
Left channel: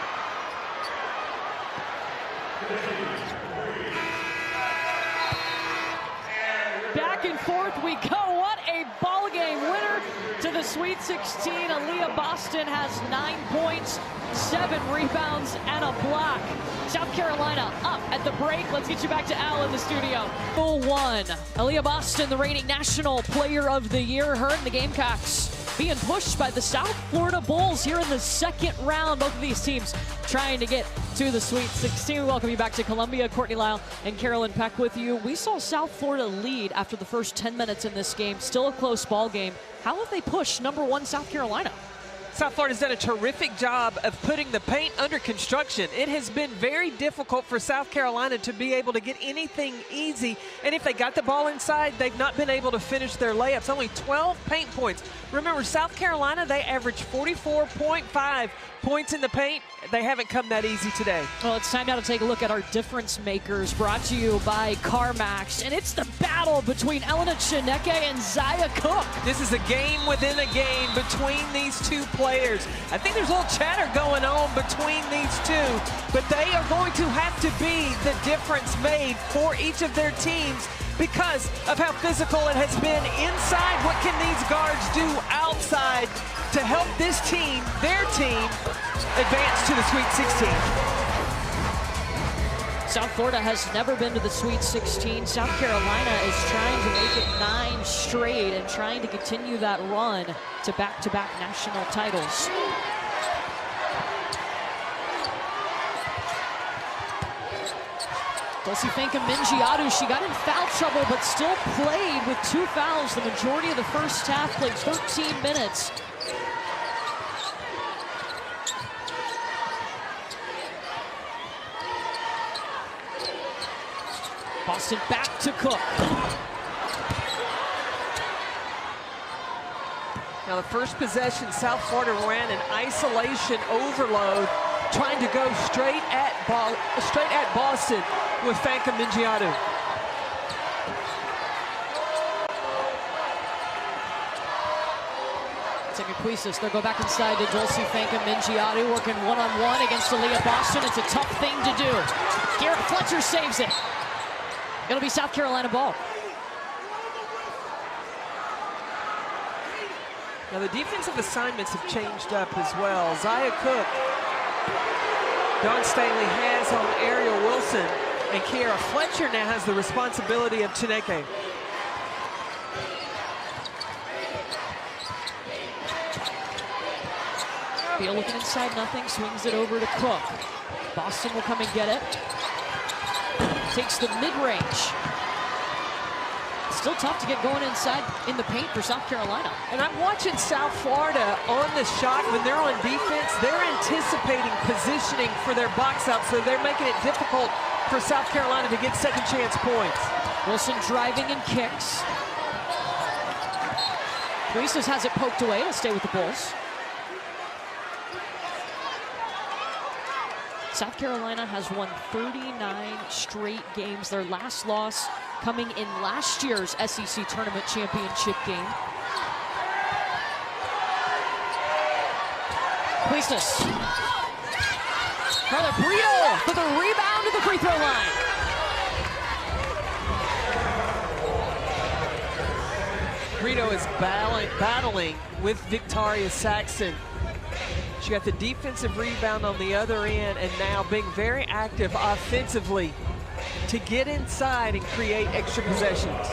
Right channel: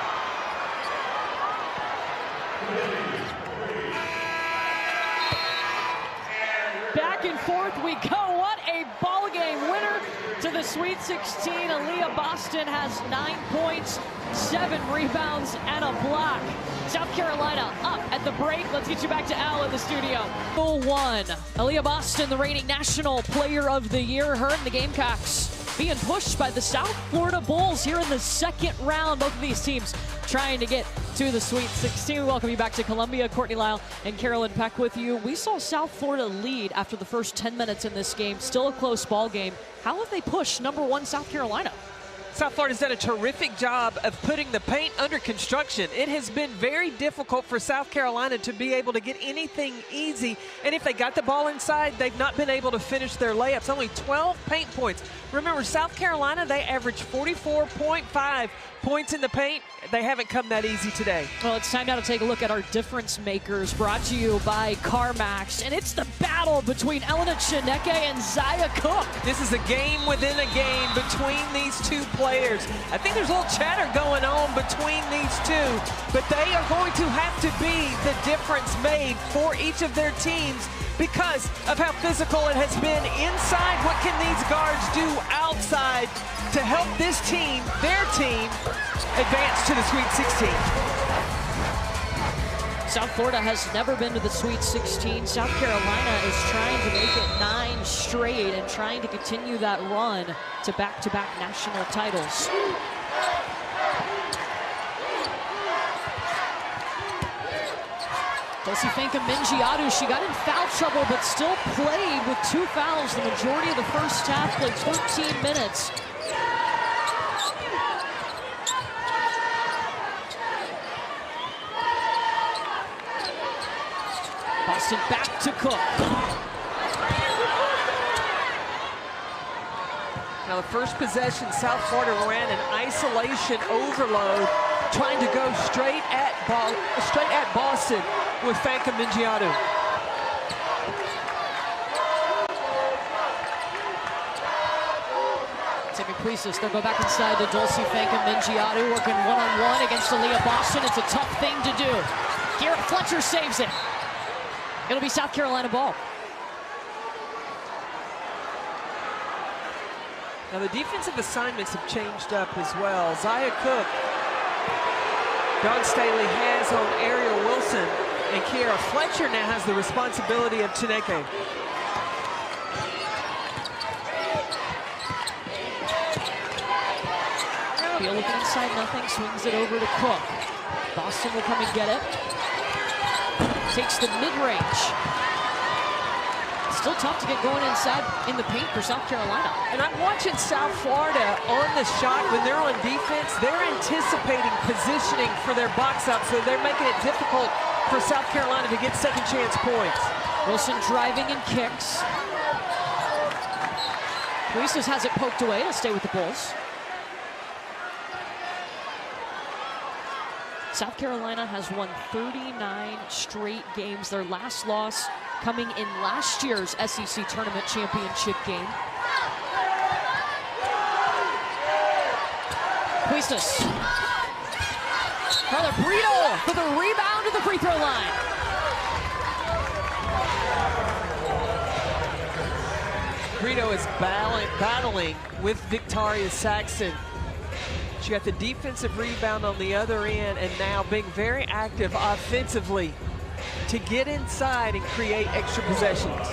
Back and forth we go. What a ball game. Winner to the Sweet 16. Aaliyah Boston has 9 points, 7 rebounds, and a block. South Carolina up at the break. Let's get you back to Al in the studio. 1. Aaliyah Boston, the reigning National Player of the Year. Her and the Gamecocks being pushed by the South Florida Bulls here in the second round. Both of these teams trying to get to the Sweet 16. We welcome you back to Columbia. Courtney Lyle and Carolyn Peck with you. We saw South Florida lead after the first 10 minutes in this game. Still a close ball game. How have they pushed #1 South Carolina? South Florida's done a terrific job of putting the paint under construction. It has been very difficult for South Carolina to be able to get anything easy. And if they got the ball inside, they've not been able to finish their layups. Only 12 paint points. Remember, South Carolina, they average 44.5 points in the paint. They haven't come that easy today. Well, it's time now to take a look at our difference makers, brought to you by CarMax. And it's the battle between Elena Chineke and Zaya Cook. This is a game within a game between these two players. I think there's a little chatter going on between these two, but they are going to have to be the difference made for each of their teams because of how physical it has been inside. What can these guards do outside to help this team, their team, advance to the Sweet 16? South Florida has never been to the Sweet 16. South Carolina is trying to make it 9 straight and trying to continue that run to back-to-back national titles. Dulcie Fanka-Mingiadu, she got in foul trouble but still played with 2 fouls the majority of the first half, played 13 minutes. Boston back to Cook. Now the first possession, South Florida ran an isolation overload, trying to go straight at Boston with Fanka-Mingiadu. Sammy Puisis, they'll go back inside to Dulcie Fanka-Mingiadu, working one-on-one against Aaliyah Boston. It's a tough thing to do. Garrett Fletcher saves it. It'll be South Carolina ball. Now the defensive assignments have changed up as well. Zaya Cook, Dawn Staley has on Ariel Wilson, and Kiara Fletcher now has the responsibility of Chineke. Beal looking inside, nothing, swings it over to Cook. Boston will come and get it. Takes the mid-range. still tough to get going inside in the paint for South Carolina. And I'm watching South Florida on the shot. When they're on defense, they're anticipating positioning for their box out, so they're making it difficult for South Carolina to get second chance points. Wilson driving and kicks. Puises has it poked away. It'll stay with the Bulls. South Carolina has won 39 straight games. Their last loss coming in last year's SEC Tournament Championship game. Puises. Carla Brito for the rebound to the free throw line. Brito is battling with Victoria Saxton. She got the defensive rebound on the other end, and now being very active offensively to get inside and create extra possessions.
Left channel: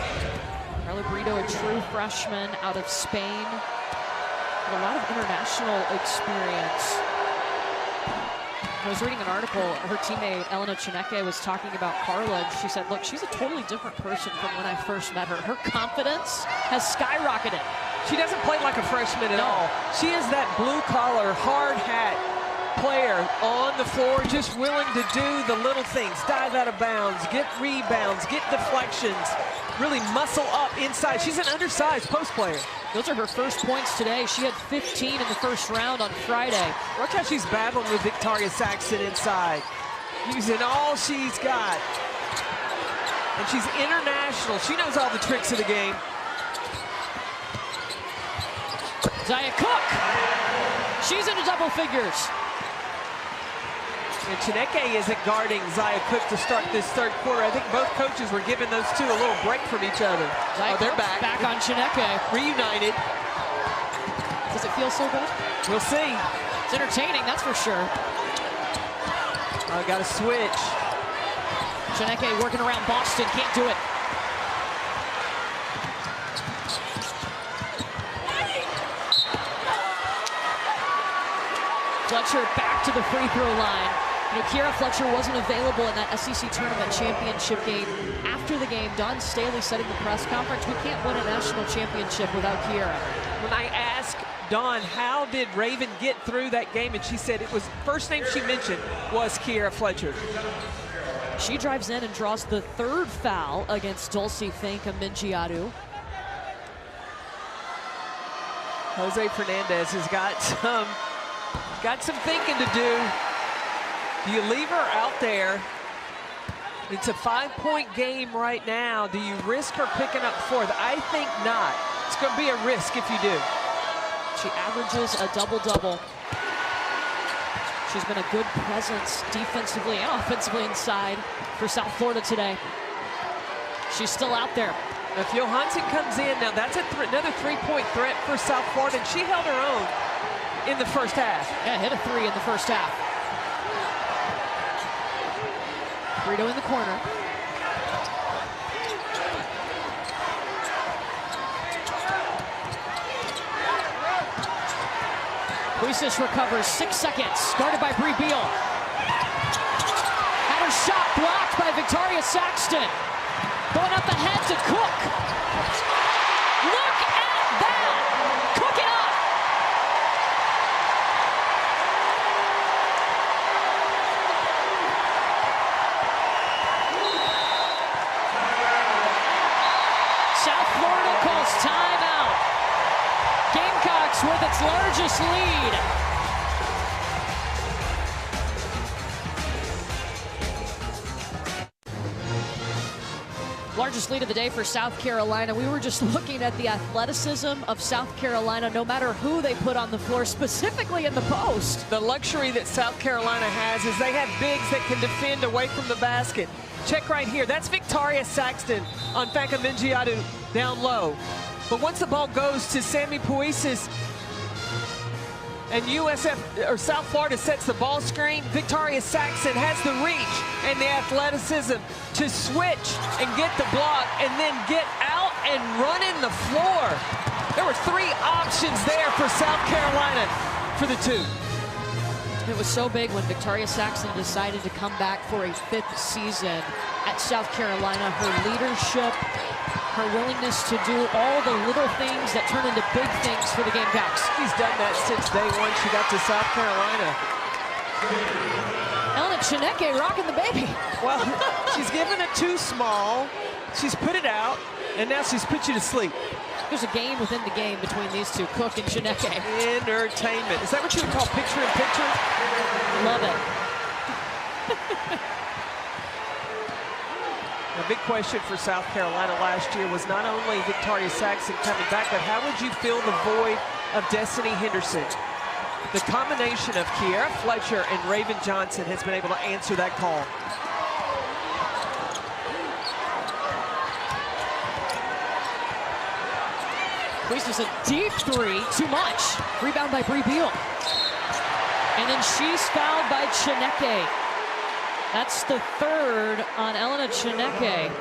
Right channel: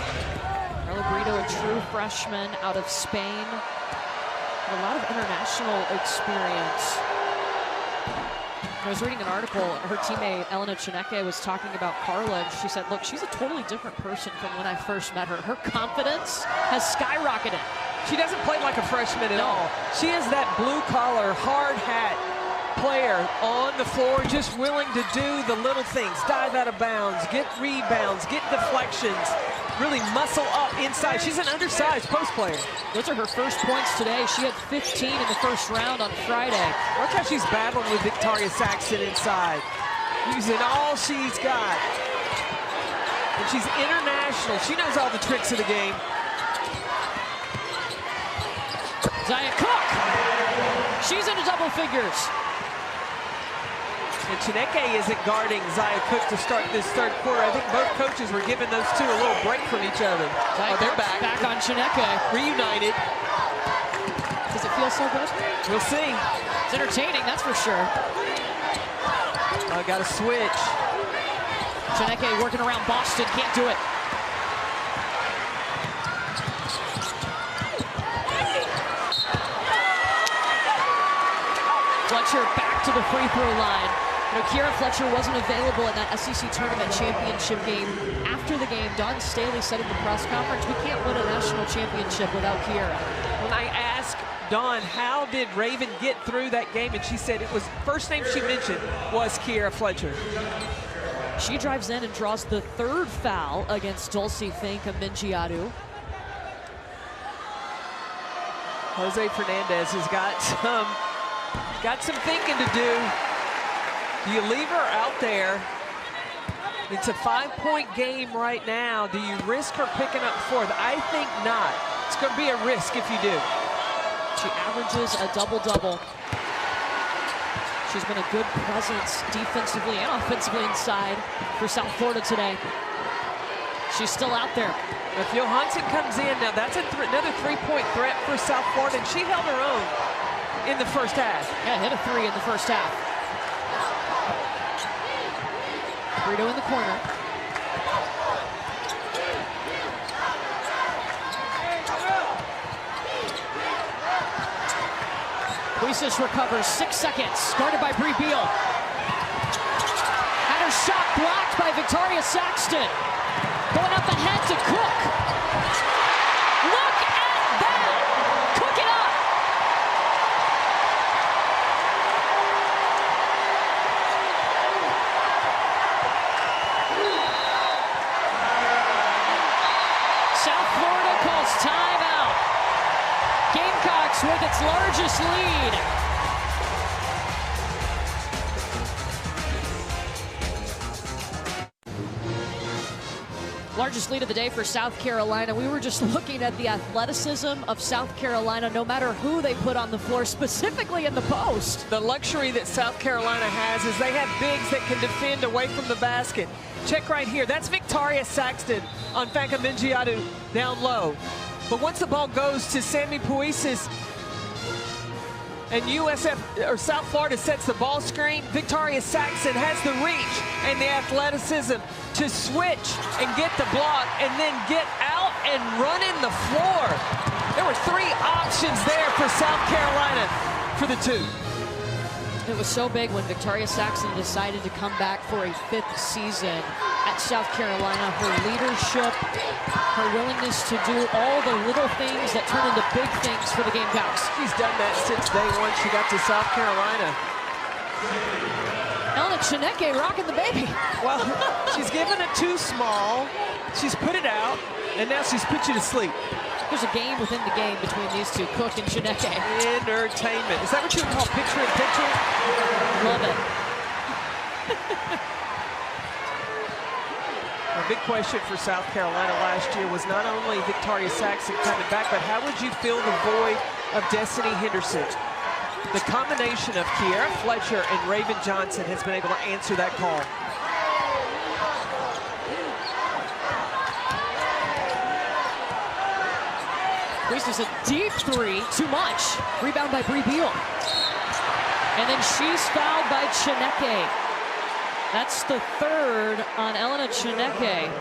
Carla Brito, a true freshman out of Spain, with a lot of international experience. I was reading an article, her teammate Elena Chineke was talking about Carla, and she said, look, she's a totally different person from when I first met her. Her confidence has skyrocketed. She doesn't play like a freshman at all. She is that blue-collar, hard hat player on the floor, just willing to do the little things, dive out of bounds, get rebounds, get deflections, really muscle up inside. She's an undersized post player. Those are her first points today. She had 15 in the first round on Friday. Watch how she's battling with Victoria Saxton inside, using all she's got. And she's international. She knows all the tricks of the game. Zaya Cook, she's into double figures. And Chineke isn't guarding Zaya Cook to start this third quarter. I think both coaches were giving those two a little break from each other. Zaya they're Cook's back. Back on Chineke. Reunited. Does it feel so good? We'll see. It's entertaining, that's for sure. Got a switch. Chineke working around Boston, can't do it. Fletcher back to the free throw line. You know, Kiera Fletcher wasn't available in that SEC Tournament Championship game. After the game, Don Staley said in the press conference, we can't win a national championship without Kiera. When I asked Dawn, how did Raven get through that game? And she said it was, first name she mentioned was Kiera Fletcher. She drives in and draws the third foul against Dulce Finca-Mingiadu. Jose Fernandez has got some thinking to do. Do you leave her out there? It's a 5-point game right now. Do you risk her picking up fourth? I think not. It's going to be a risk if you do. She averages a double-double. She's been a good presence defensively and offensively inside for South Florida today. She's still out there. If Johansson comes in, now that's another three-point threat for South Florida, and she held her own in the first half. Yeah, hit a three in the first half. Brito in the corner. Puises recovers, 6 seconds, guarded by Bree Beal. Had her shot blocked by Victoria Saxton. Going up ahead to Cook. Look at that! Cook it up! South Florida calls timeout. Gamecocks with its largest lead. Largest lead of the day for South Carolina. We were just looking at the athleticism of South Carolina, no matter who they put on the floor, specifically in the post. The luxury that South Carolina has is they have bigs that can defend away from the basket. Check right here. That's Victoria Saxton on Finca-Mingiadu down low. But once the ball goes to Sammy Puises and South Florida sets the ball screen, Victoria Saxton has the reach and the athleticism to switch and get the block and then get out and run in the floor. There were 3 options there for South Carolina for the 2. It was so big when Victoria Saxton decided to come back for a 5th season. at South Carolina. Her leadership, her willingness to do all the little things that turn into big things for the Gamecocks. She's done that since day one she got to South Carolina. Elena Chineke rocking the baby. Well, she's given it too small. She's put it out, and now she's put you to sleep. There's a game within the game between these two, Cook and Chineke. Entertainment. Is that what you would call picture-in-picture? Love it. A big question for South Carolina last year was not only Victoria Saxon coming back, but how would you fill the void of Destiny Henderson? The combination of Kiera Fletcher and Raven Johnson has been able to answer that call. Squeezes a deep three, too much. Rebound by Bree Beal. And then she's fouled by Chineke. That's the third on Elena Chineke.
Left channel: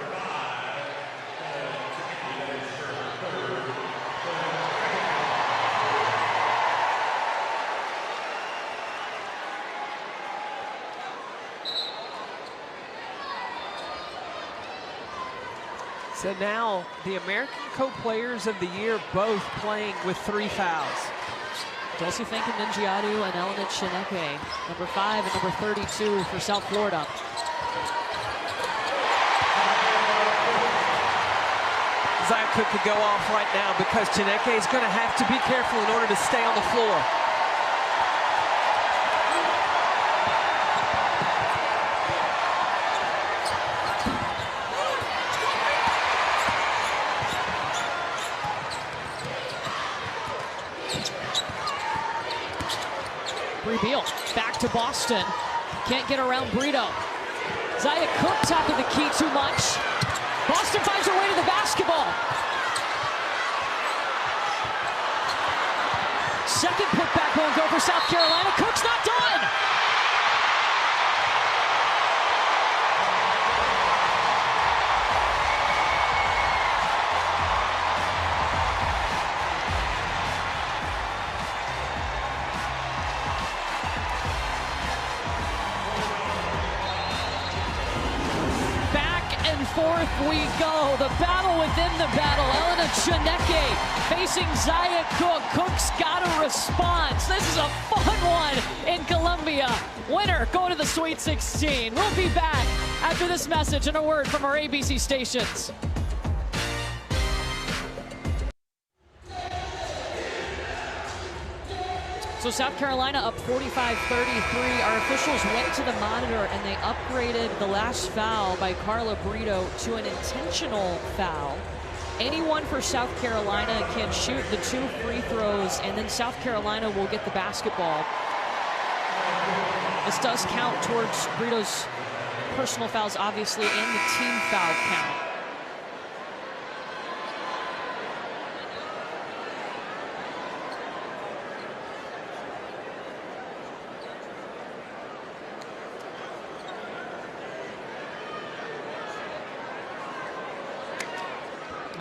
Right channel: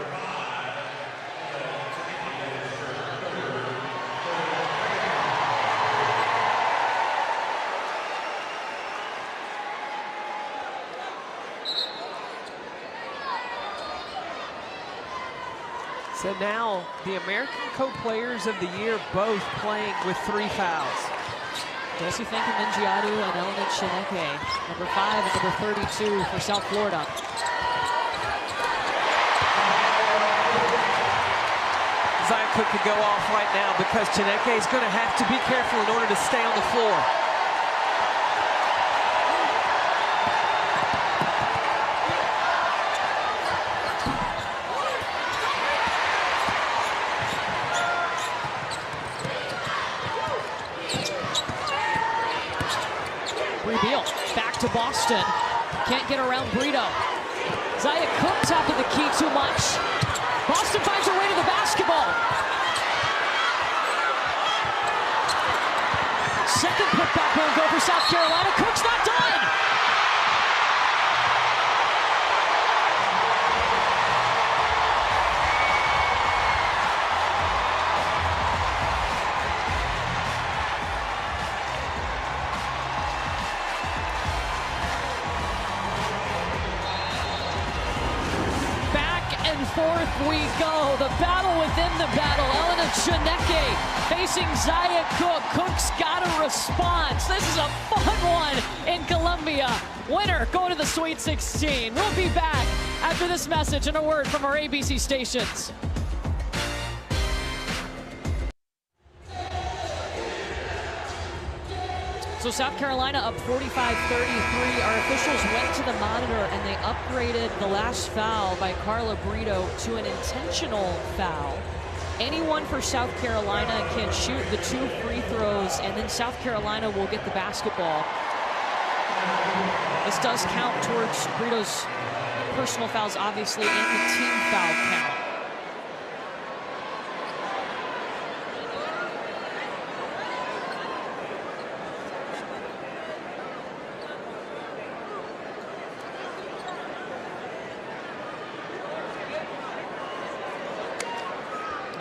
So now the American Co-Players of the Year both playing with 3 fouls. Dulcie Finkel-Mingiadu and Elena Chineke, number 5 and number 32 for South Florida. Zia Cook could go off right now because Chineke is going to have to be careful in order to stay on the floor. Bree Beal back to Boston. Can't get around Brito. Zia Cook top of the key too much. Boston finds her way to the basketball. Second putback won't go for South Carolina. Cook's not done. And forth we go. The battle within the battle. Elena Chineke facing Zia Cook. Cook's got a response. This is a fun one in Columbia. Winner going to the Sweet 16. We'll be back after this message and a word from our ABC stations. So South Carolina up 45-33. Our officials went to the monitor and they upgraded the last foul by Carla Brito to an intentional foul. Anyone for South Carolina can shoot the 2 free throws, and then South Carolina will get the basketball. This does count towards Brito's personal fouls, obviously, and the team foul count.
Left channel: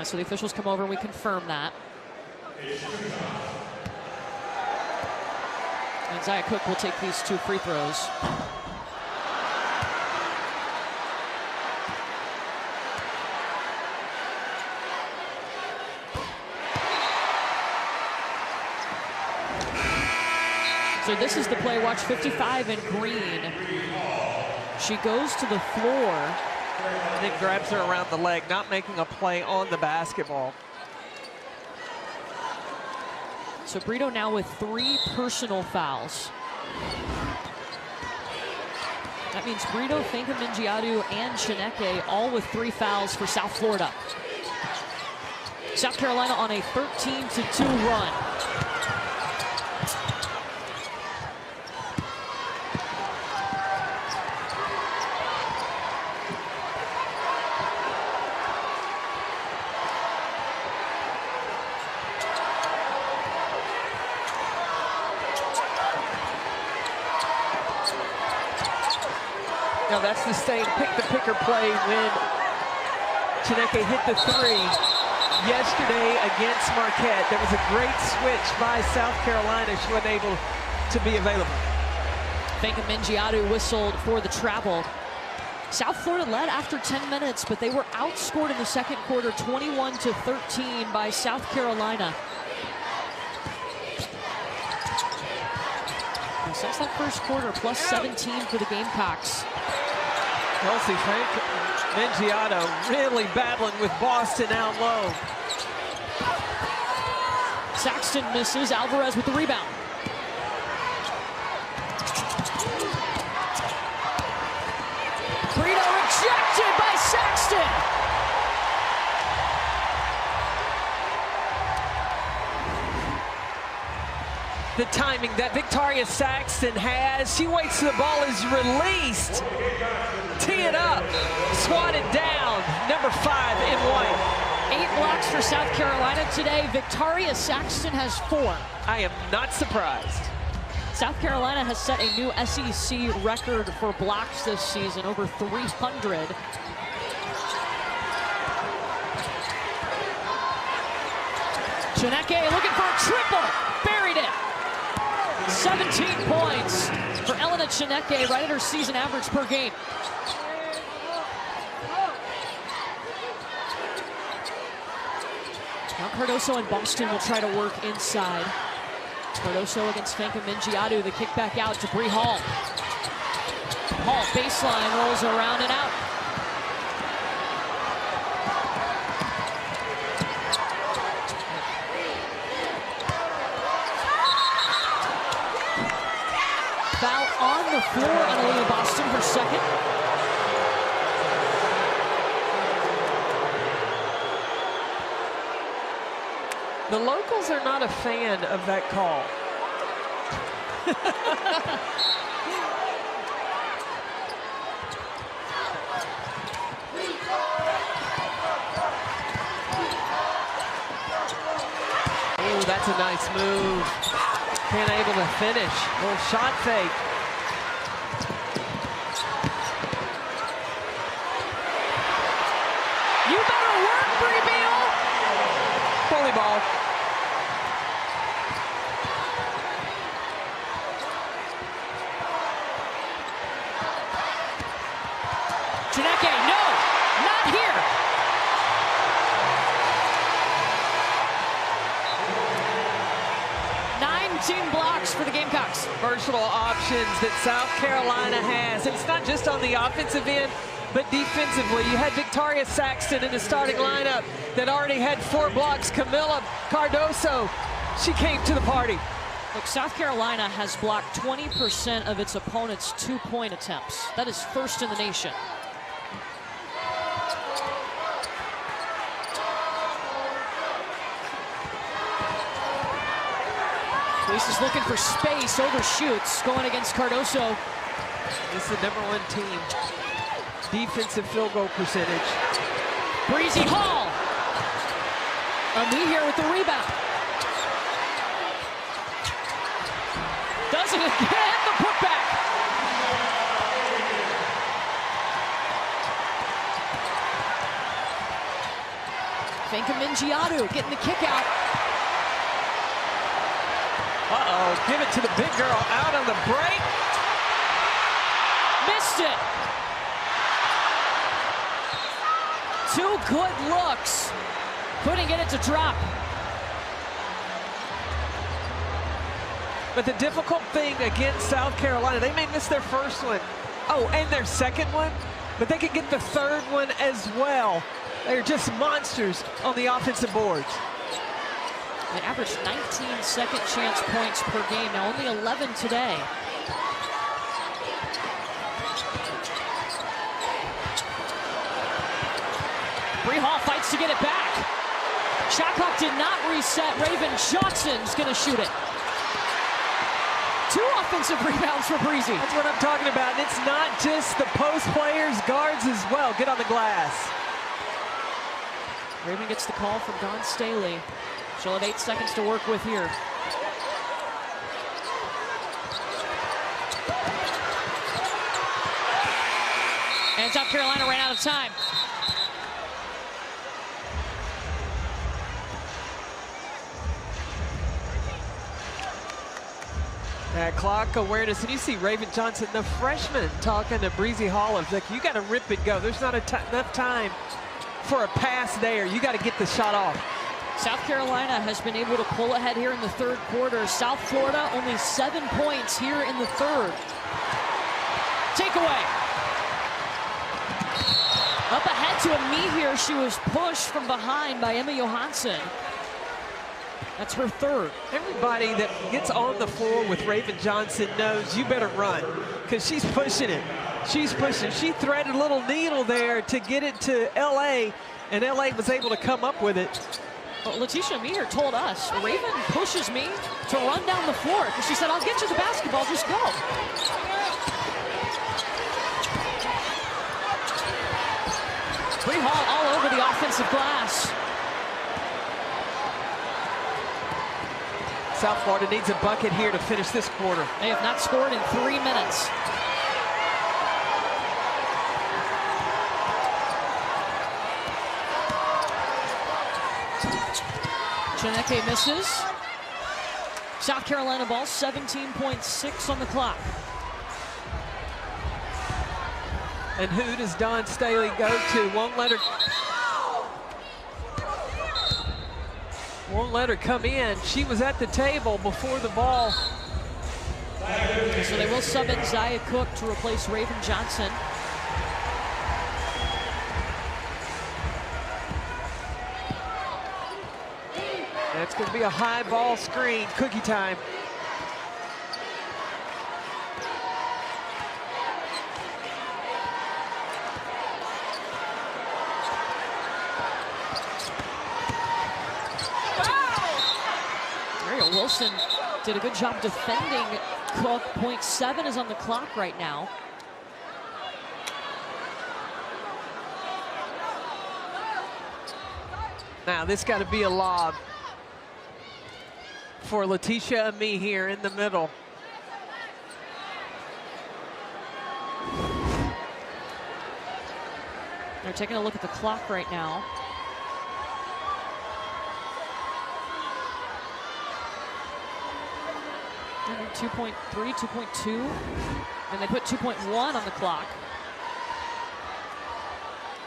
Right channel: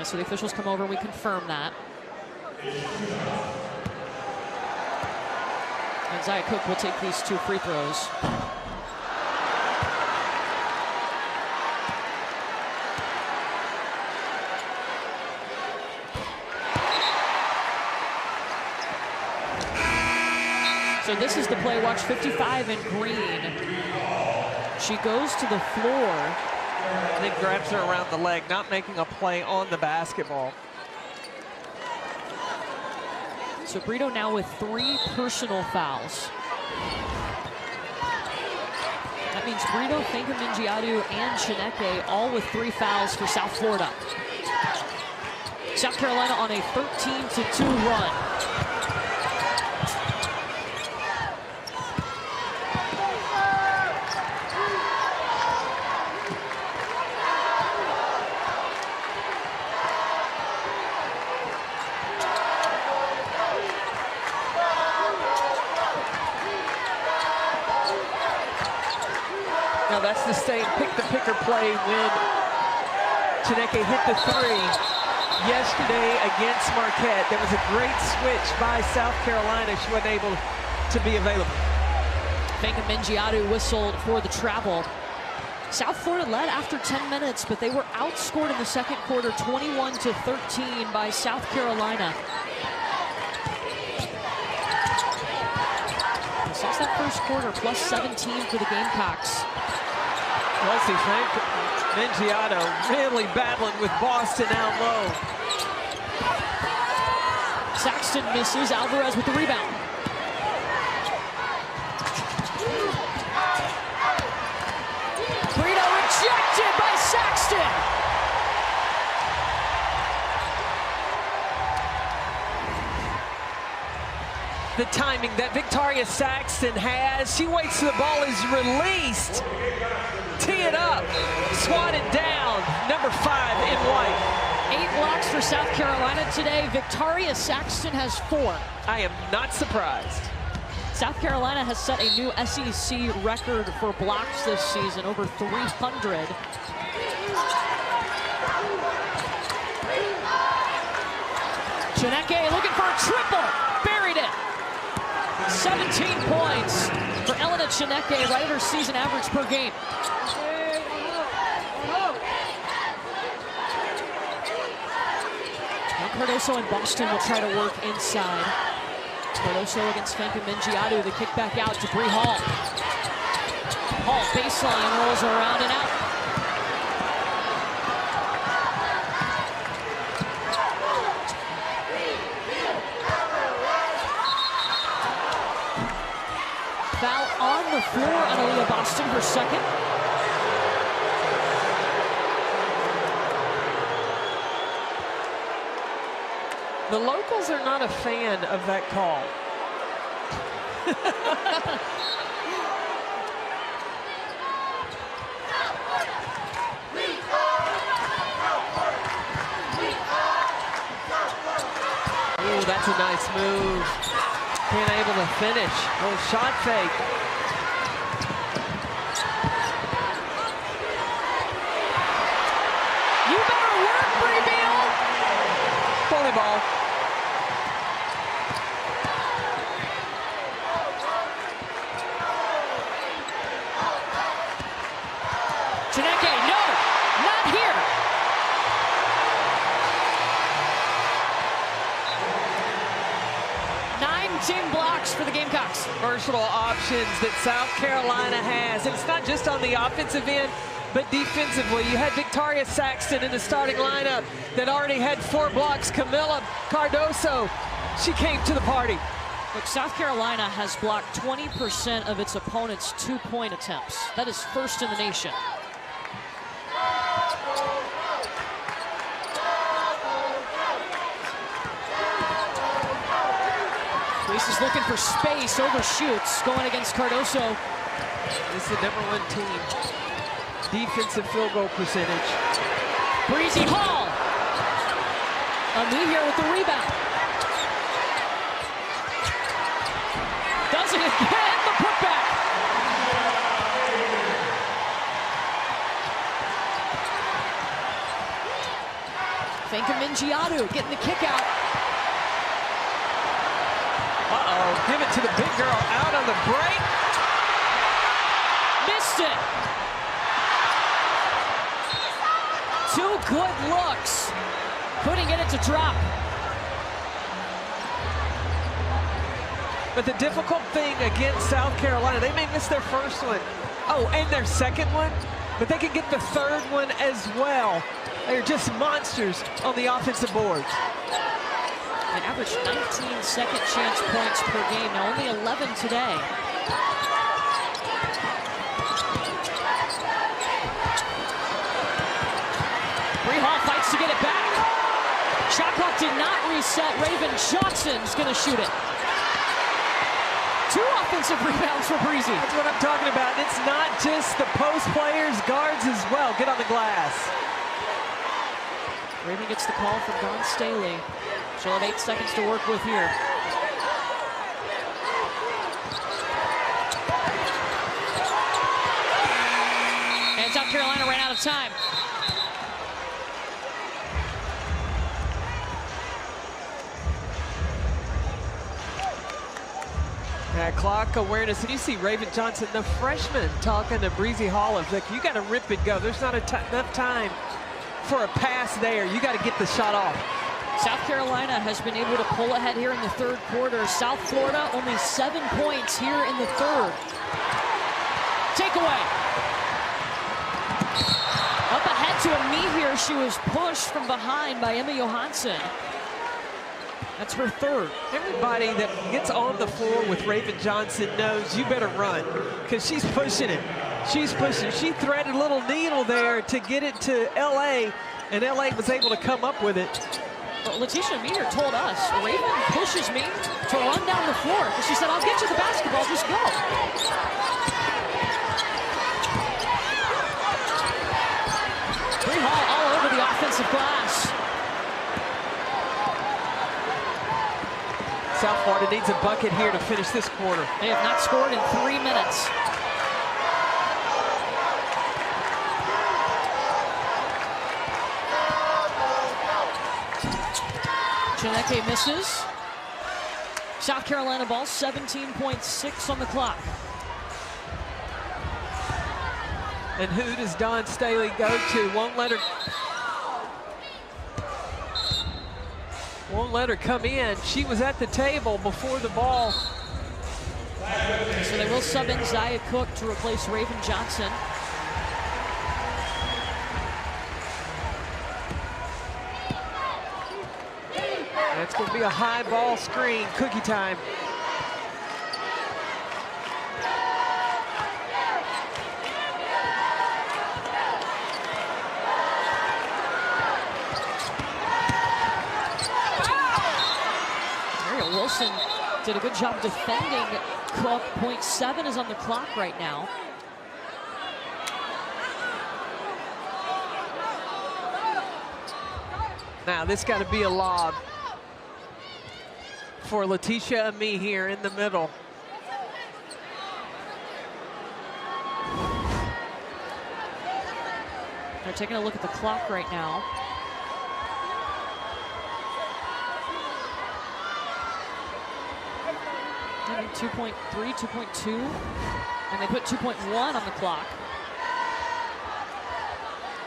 So the officials come over and we confirm that. And Zia Cook will take these 2 free throws. So this is the play. Watch 55 in green. She goes to the floor. And then grabs her around the leg, not making a play on the basketball. So Brito now with 3 personal fouls. That means Brito, Finkel-Mingiadu, and Chineke all with 3 fouls for South Florida. South Carolina on a 13-2 run. Now that's the same pick-the-picker play when Chineke hit the 3 yesterday against Marquette. There was a great switch by South Carolina. She wasn't able to be available. Finkel-Mingiadu whistled for the travel. South Florida led after 10 minutes, but they were outscored in the second quarter 21-13 by South Carolina. Now, since that first quarter, plus 17 for the Gamecocks. Kelsey Frank Mingiato really battling with Boston out low. Saxton misses, Alvarez with the rebound. Brito rejected by Saxton. The timing that Victoria Saxton has. She waits till the ball is released. Tee it up, swatted down. Number 5 in white. 8 blocks for South Carolina today. Victoria Saxton has 4. I am not surprised. South Carolina has set a new SEC record for blocks this season, over 300. Chineke looking for a triple, buried it. 17 points for Elena Chineke, right at her season average per game. Now Cardoso and Boston will try to work inside. Cardoso against Fanka Mingiadu, the kick back out to Bree Hall. Hall baseline, rolls around and out. Foul on the floor on Aaliyah Boston, her second. The locals are not a fan of that call. Oh, that's a nice move. Can't able to finish. Little shot fake. You better work, Bree Beal. Bully ball. Chineke, no, not here. Team blocks for the Gamecocks. Versatile options that South Carolina has. And it's not just on the offensive end, but defensively. You had Victoria Saxton in the starting lineup that already had 4 blocks. Camila Cardoso, she came to the party. Look, South Carolina has blocked 20% of its opponents' 2-point attempts. That is first in the nation. Fleece is looking for space, overshoots, going against Cardoso. This is the #1 team. Defensive field goal percentage. Breezy Hall. Ami here with the rebound. Does it again, the putback. Fanka Mingiadu getting the kick out. Uh-oh, give it to the big girl out on the break. Missed it. 2 good looks. Couldn't get it to drop. But the difficult thing against South Carolina, they may miss their first one. Oh, and their second one, but they could get the third one as well. They're just monsters on the offensive boards. They averaged 19 second chance points per game. Now only 11 today. Bree Hall fights to get it back. Shot clock did not reset. Raven Johnson's gonna shoot it. 2 offensive rebounds for Breezy. That's what I'm talking about. It's not just the post players, guards as well. Get on the glass. Raven gets the call from Dawn Staley. She'll have 8 seconds to work with here. And South Carolina ran out of time. Clock awareness, and you see Raven Johnson, the freshman, talking to Breezy Hall of like, you got to rip and go. There's not enough time for a pass there. You got to get the shot off. South Carolina has been able to pull ahead here in the third quarter. South Florida only 7 points here in the third. Takeaway. Up ahead to a knee here. She was pushed from behind by Emma Johansson. That's her third. Everybody that gets on the floor with Raven Johnson knows you better run because she's pushing it. She's pushing. She threaded a little needle there to get it to LA, and LA was able to come up with it. Well, Letitia Meter told us, Raven pushes me to run down the floor because she said, I'll get you the basketball, just go. Bree Hall all over the offensive glass. South Florida needs a bucket here to finish this quarter. They have not scored in 3 minutes. Chineke misses. South Carolina ball, 17.6 on the clock. And who does Dawn Staley go to? Won't let her come in. She was at the table before the ball. So they will sub in Zaya Cook to replace Raven Johnson. That's going to be a high ball screen. Cookie time. Wilson did a good job defending Cook. 0.7 is on the clock right now. Now this got to be a lob for Letitia Ami here in the middle. They're taking a look at the clock right now. I think 2.3, 2.2, and they put 2.1 on the clock.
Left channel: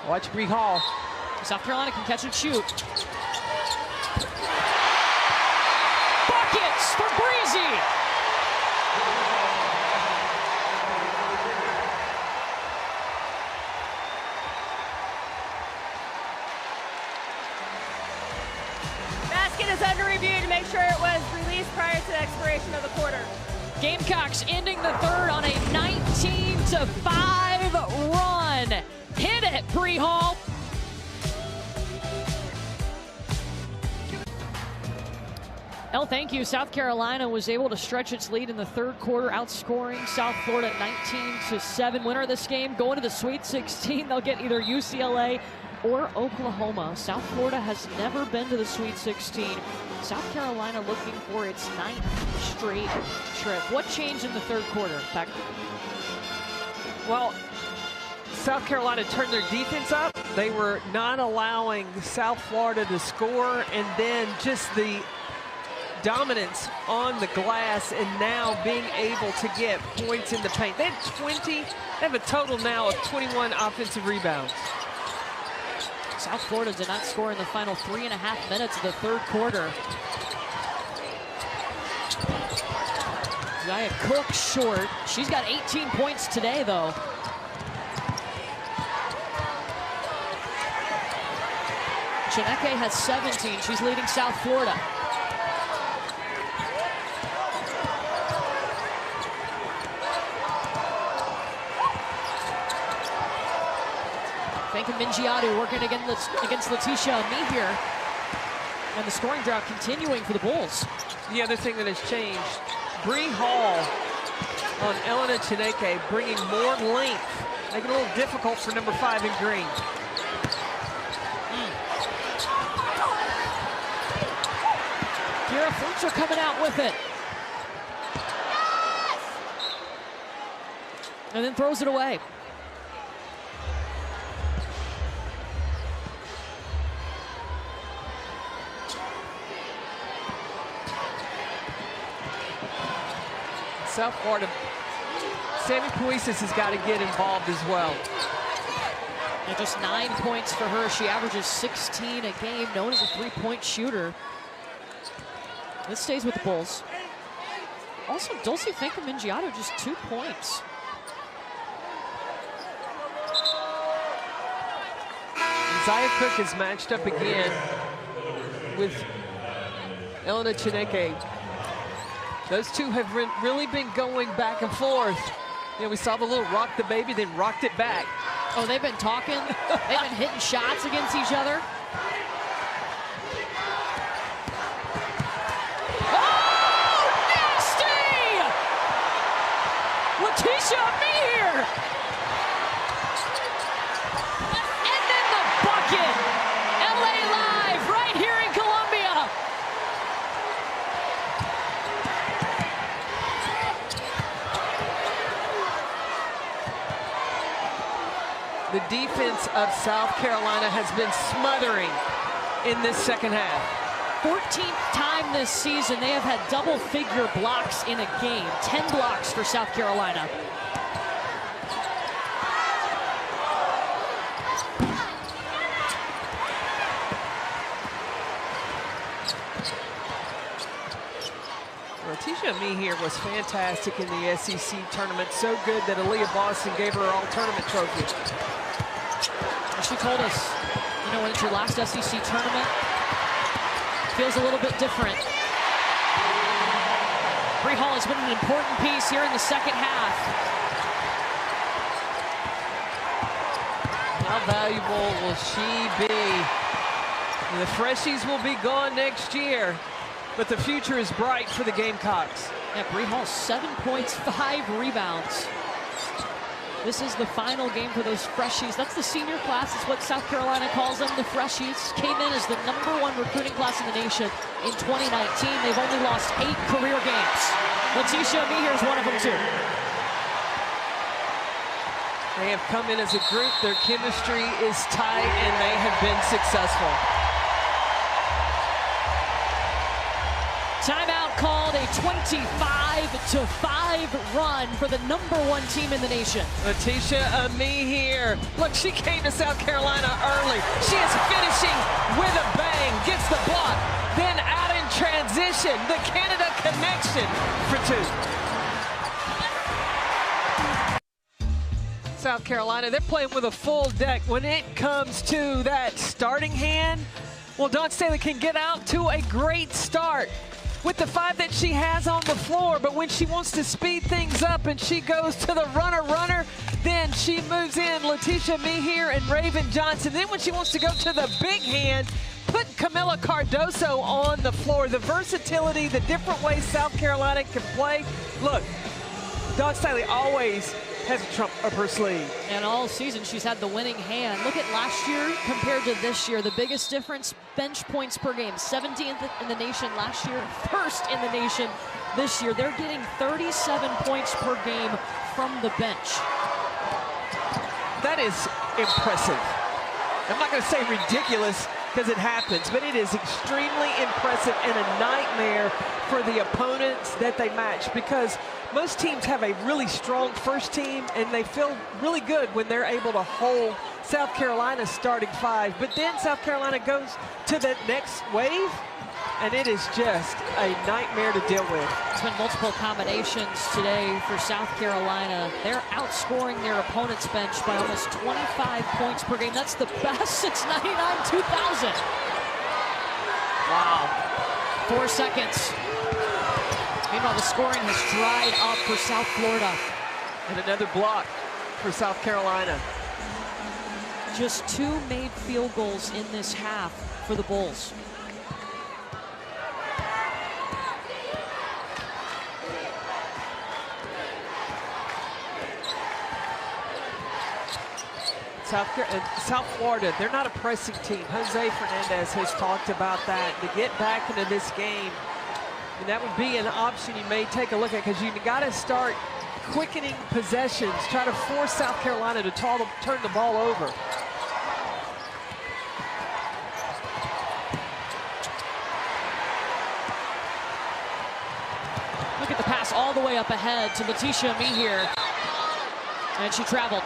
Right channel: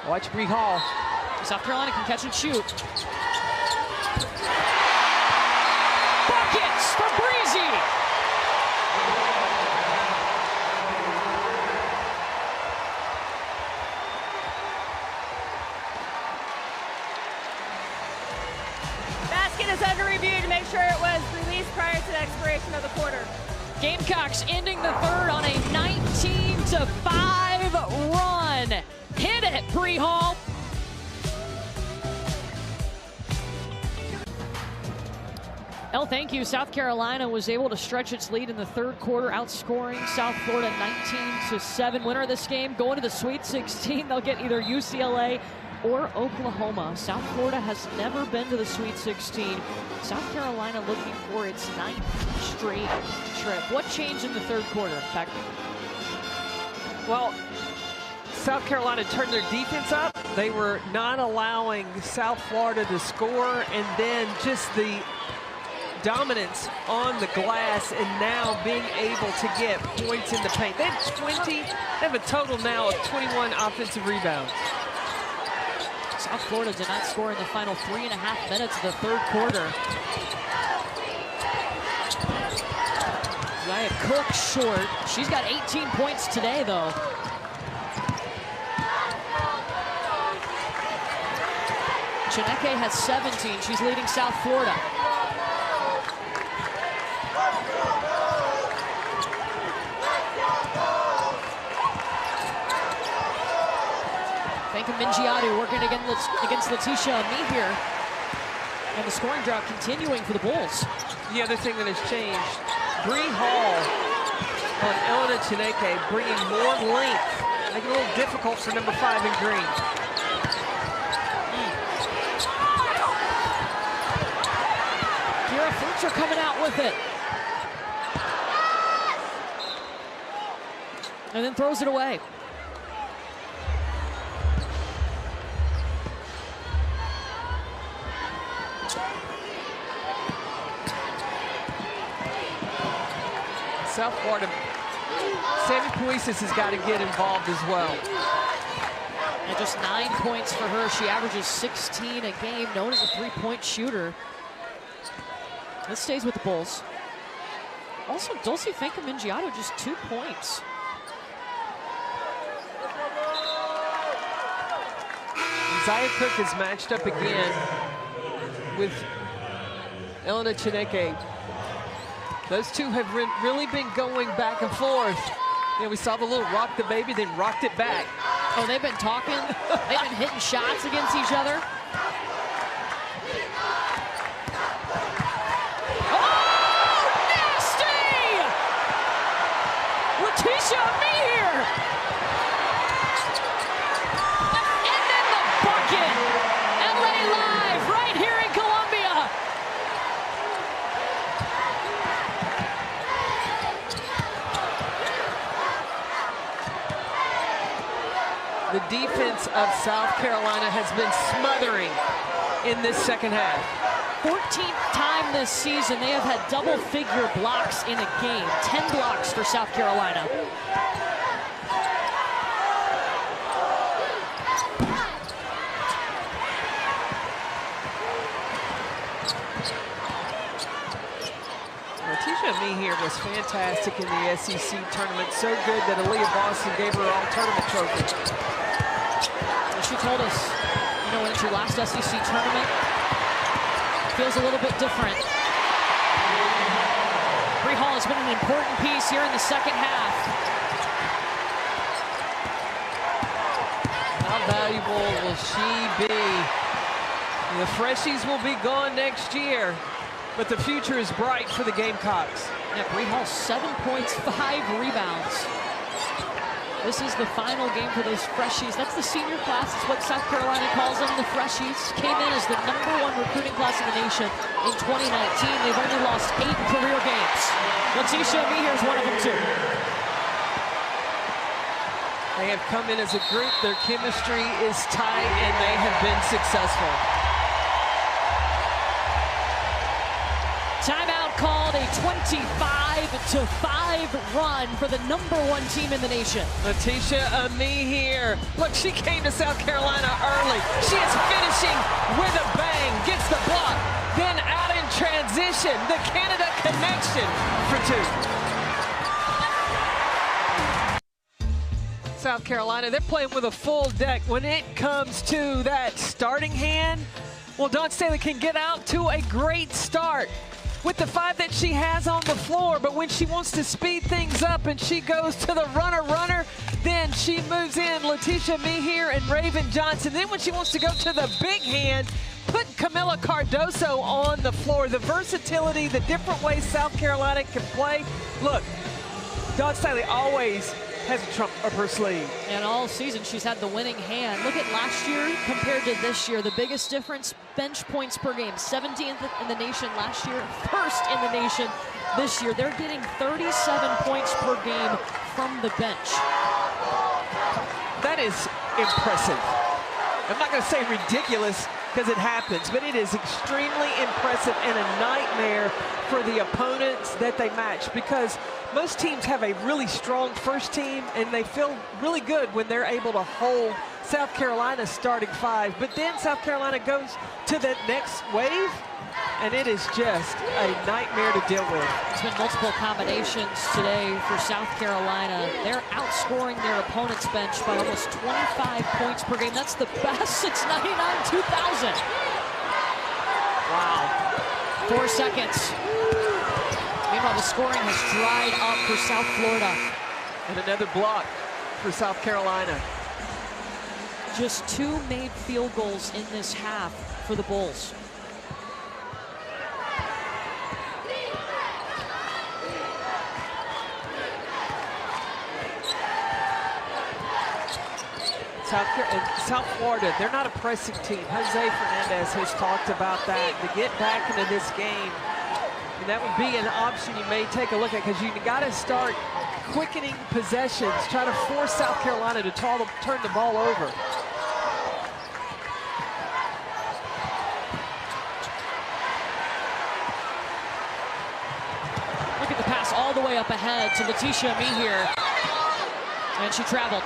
Watch Bree Hall. South Carolina can catch and shoot. Buckets for Breezy. Basket is under review to make sure it was released prior to the expiration of the quarter. Gamecocks ending the third on a 19-5 run. Hit it, Bree Hall. El, thank you. South Carolina was able to stretch its lead in the third quarter, outscoring South Florida 19-7. Winner of this game going to the Sweet 16. They'll get either UCLA or Oklahoma. South Florida has never been to the Sweet 16. South Carolina looking for its 9th straight trip. What changed in the third quarter, Beck? Well, South Carolina turned their defense up. They were not allowing South Florida to score, and then just the dominance on the glass and now being able to get points in the paint. They have a total now of 21 offensive rebounds. South Florida did not score in the final 3.5 minutes of the third quarter. Zaya Cook short. She's got 18 points today, though. Chineke has 17. She's leading South Florida. Fanka Mingiadu working against Letitia Ami here. And the scoring drought continuing for the Bulls. The other thing that has changed, Bree Hall on Elena Chineke bringing more length, making it a little difficult for number 5 in green. Kira Fletcher coming out with it. And then throws it away. South Florida, Sammy Puisis has got to get involved as well. And just 9 points for her. She averages 16 a game, known as a three-point shooter. This stays with the Bulls. Also, Dulce Finca-Mingiato, just 2 points. Zaya Cook is matched up again with Elena Chineke. Those two have really been going back and forth. You know, we saw the little rock the baby, then rocked it back. Oh, they've been talking. They've been hitting shots against each other. Oh, nasty! Letitia Meir! And then the bucket. LA Live right here in Columbia. The defense of South Carolina has been smothering in this second half. 14th time this season they have had double-figure blocks in a game. 10 blocks for South Carolina. Letitia Meir was fantastic in the SEC tournament. So good that Aaliyah Boston gave her her all-tournament trophy. She told us, you know, when it's your last SEC tournament, feels a little bit different. Bree Hall has been an important piece here in the second half. How valuable will she be? The freshies will be gone next year, but the future is bright for the Gamecocks. Yeah, Bree Hall, 7 points, 5 rebounds. This is the final game for those freshies. That's the senior class. It's what South Carolina calls them, the freshies. Came in as the #1 recruiting class in the nation in 2019. They've only lost 8 career games. Letitia Meir is one of them too. They have come in as a group. Their chemistry is tight, and they have been successful. Timeout called, a 25-5 run for the #1 team in the nation. Letitia Meir. Look, she came to South Carolina early. She is finishing with a bang. Gets the block. Then out in transition. The Canada connection for 2. South Carolina, they're playing with a full deck. When it comes to that starting hand, well, Dawn Staley can get out to a great start with the 5 that she has on the floor, but when she wants to speed things up and she goes to the runner, then she moves in Letitia Meir and Raven Johnson. Then when she wants to go to the big hand, put Camila Cardoso on the floor. The versatility, the different ways South Carolina can play. Look, Dawn Staley always has a trump up her sleeve. And all season she's had the winning hand. Look at last year compared to this year. The biggest difference, bench points per game. 17th in the nation last year, 1st in the nation this year. They're getting 37 points per game from the bench. That is impressive. I'm not going to say ridiculous because it happens, but it is extremely impressive and a nightmare for the opponents that they match, because most teams have a really strong first team and they feel really good when they're able to hold South Carolina's starting 5, but then South Carolina goes to the next wave and it is just a nightmare to deal with. It's been multiple combinations today for South Carolina. They're outscoring their opponent's bench by almost 25 points per game. That's the best since 99-2000. Wow. 4 seconds. Meanwhile, the scoring has dried up for South Florida. And another block for South Carolina. Just 2 made field goals in this half for the Bulls. South Florida, they're not a pressing team. Jose Fernandez has talked about that. To get back into this game, and that would be an option you may take a look at, because you got to start quickening possessions, try to force South Carolina to turn the ball over. Look at the pass all the way up ahead to Letitia Mihir. And she traveled.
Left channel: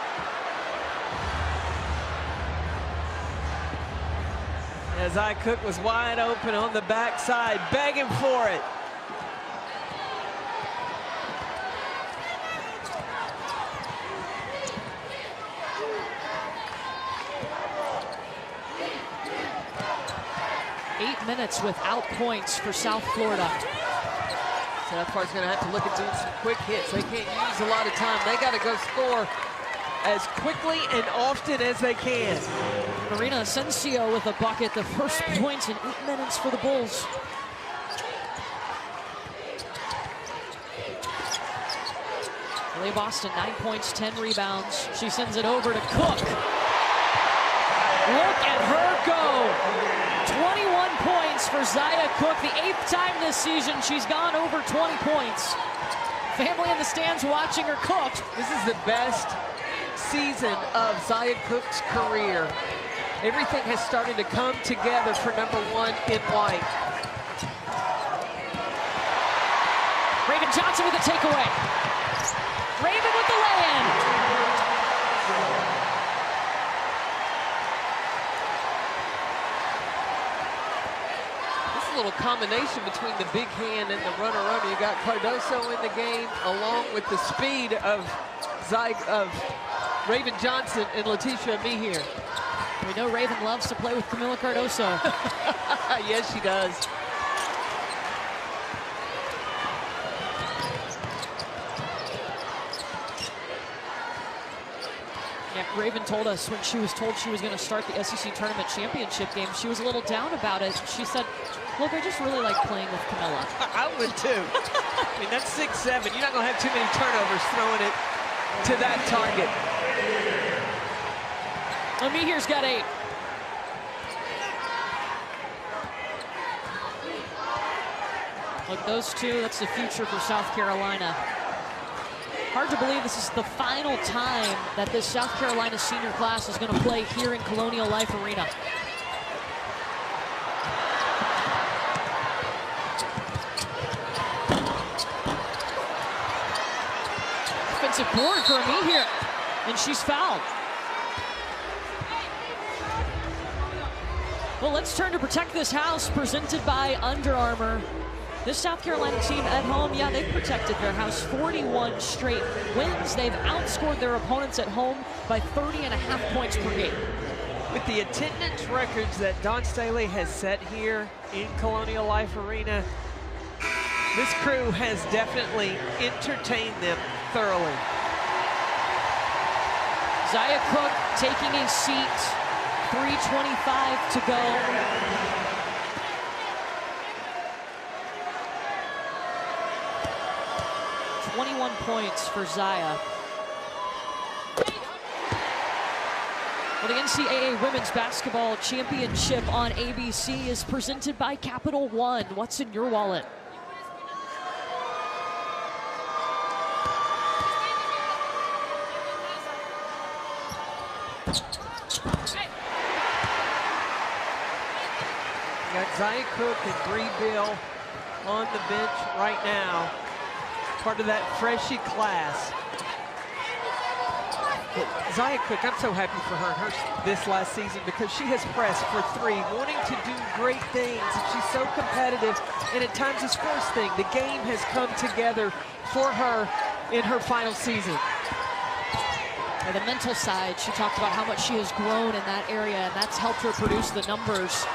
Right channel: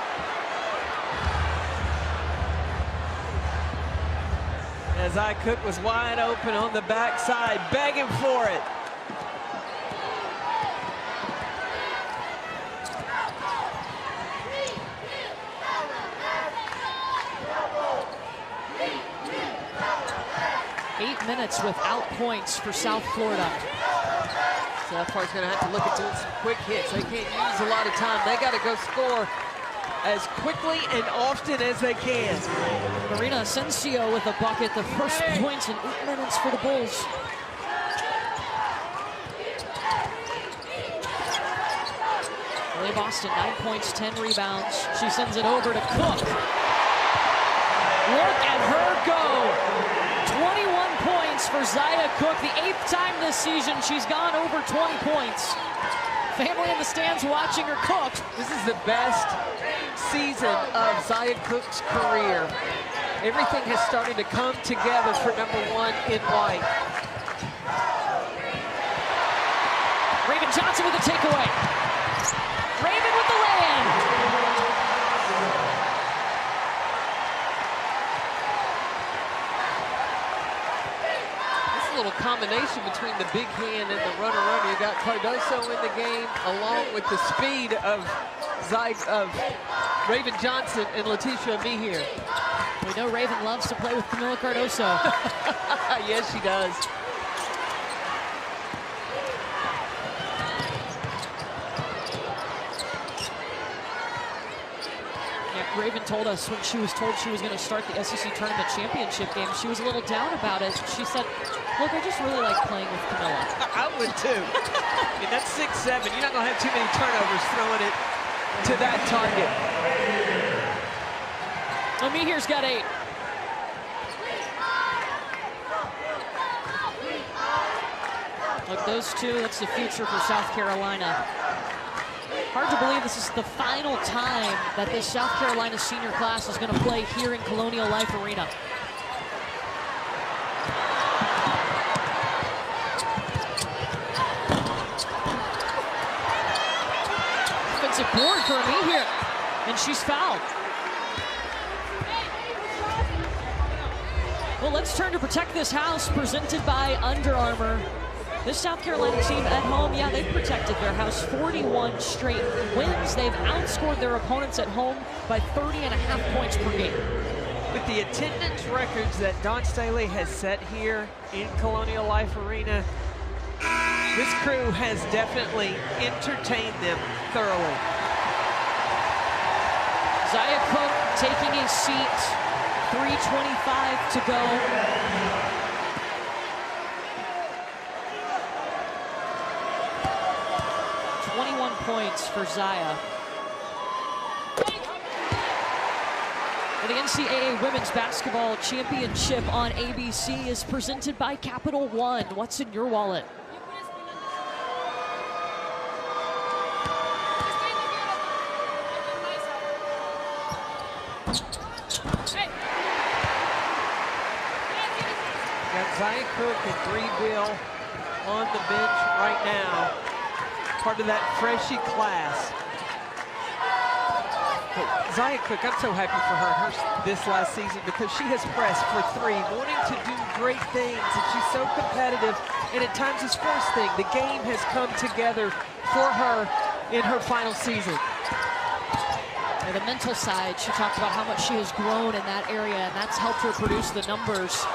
Zia Cook was wide open on the backside, begging for it. Eight minutes without points for South Florida. South Florida's going to have to look at doing some quick hits. They can't use a lot of time. They got to go score as quickly and often as they can. Marina Asensio with a bucket, the first points in 8 minutes for the Bulls. Leah Boston, 9 points, 10 rebounds. She sends it over to Cook. Look at her go. 21 points for Zia Cook, the 8th time this season she's gone over 20 points. Family in the stands watching her cook. This is the best season of Zia Cook's career. Everything has started to come together for #1 in white. Raven Johnson with a takeaway. Raven with the lay-in. This little combination between the big hand and the runner-runner. You got Cardoso in the game, along with the speed of Raven Johnson and Letitia Mihir. We know Raven loves to play with Camila Cardoso. Yes, she does. Yeah, Raven told us when she was told she was going to start the SEC Tournament Championship game, she was a little down about it. She said, look, I just really like playing with Camila. I would too. I mean, that's 6'7". You're not going to have too many turnovers throwing it to that target. Well, Mihir's got 8. Look, those two, that's the future for South Carolina. Hard to believe this is the final time that this South Carolina senior class is going to play here in Colonial Life Arena. Offensive board for Mihir, and she's fouled. Well, let's turn to Protect This House, presented by Under Armour. This South Carolina team at home, yeah, they've protected their house 41 straight wins. They've outscored their opponents at home by 30.5 points per game. With the attendance records that Dawn Staley has set here in Colonial Life Arena, this crew has definitely entertained them thoroughly. Zia Cook taking a seat, 3:25 to go. .21 points for Zia. Well, the NCAA Women's Basketball Championship on ABC is presented by Capital One. What's in your wallet? You got Zia Cook and Bree Bill on the bench right now, part of that freshie class. But Zia Cook, I'm so happy for her this last season because she has pressed for 3, wanting to do great things, and she's so competitive, and at times it's forced thing. The game has come together for her in her final season. Yeah, the mental side, she talked about how much she has grown in that area, and that's helped her produce the numbers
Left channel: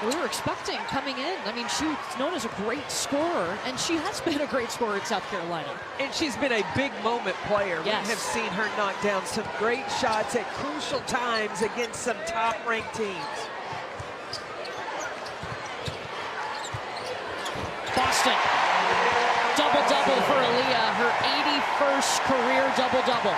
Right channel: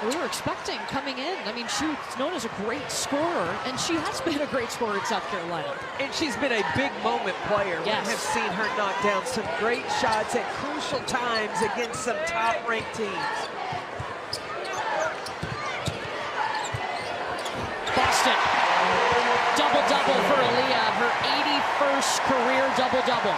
that we were expecting coming in. I mean, she was known as a great scorer, and she has been a great scorer in South Carolina. And she's been a big moment player. Yes. We have seen her knock down some great shots at crucial times against some top-ranked teams. Boston, double-double for Aaliyah, her 81st career double-double.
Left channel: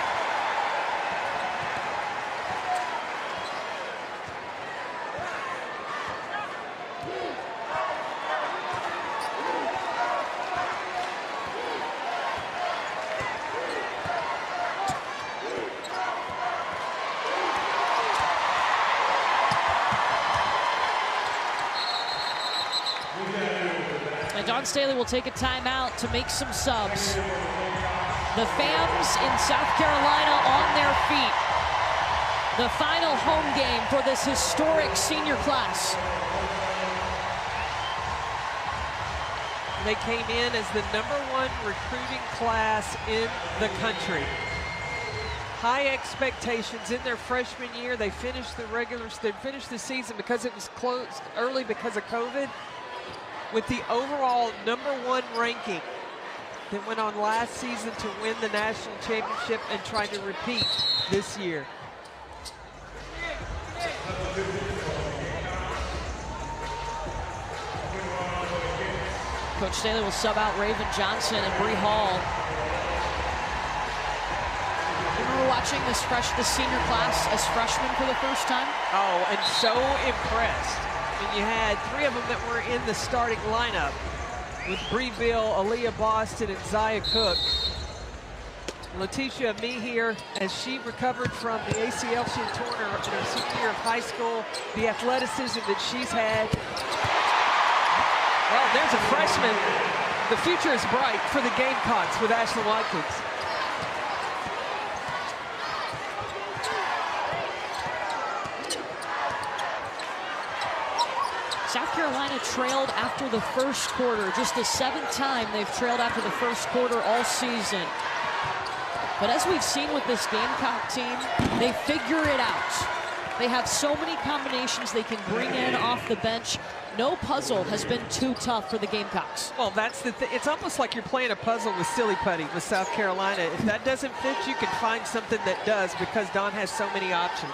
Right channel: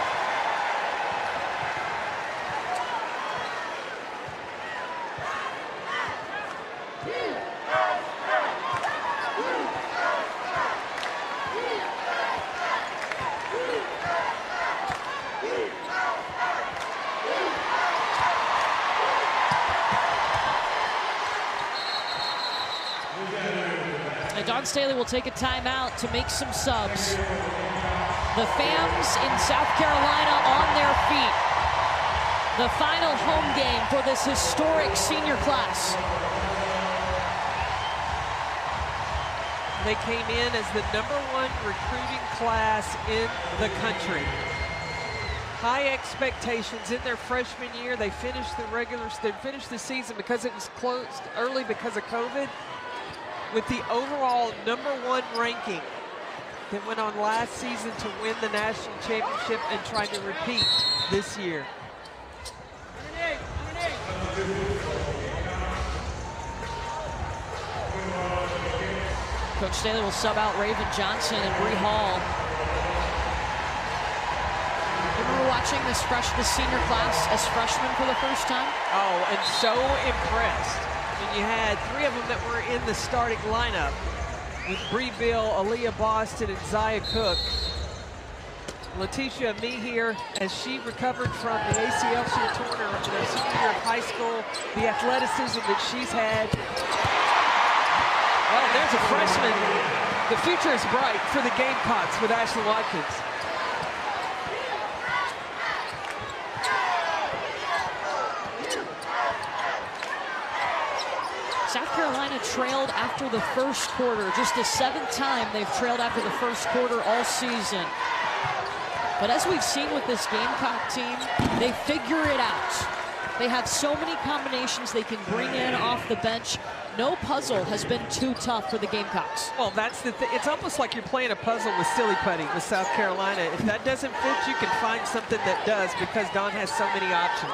Dawn Staley will take a timeout to make some subs. The fans in South Carolina on their feet. The final home game for this historic senior class. They came in as the #1 recruiting class in the country. High expectations in their freshman year. They finished the season because it was closed early because of COVID with the overall #1 ranking. That went on last season to win the national championship and trying to repeat this year. Coach Staley will sub out Raven Johnson and Bree Hall. You remember watching this senior class as freshmen for the first time? Oh, and so impressed. And you had 3 of them that were in the starting lineup with Bree Bill, Aaliyah Boston, and Zaya Cook. Letitia Mehier, as she recovered from the ACL she had torn in her senior year of high school, the athleticism that she's had. Well, there's a freshman. The future is bright for the Gamecocks with Ashlyn Watkins. South Carolina trailed after the first quarter. Just the 7th time they've trailed after the first quarter all season. But as we've seen with this Gamecock team, they figure it out. They have so many combinations they can bring in off the bench. No puzzle has been too tough for the Gamecocks. Well, that's the thing. It's almost like you're playing a puzzle with silly putty with South Carolina. If that doesn't fit, you can find something that does because Dawn has so many options.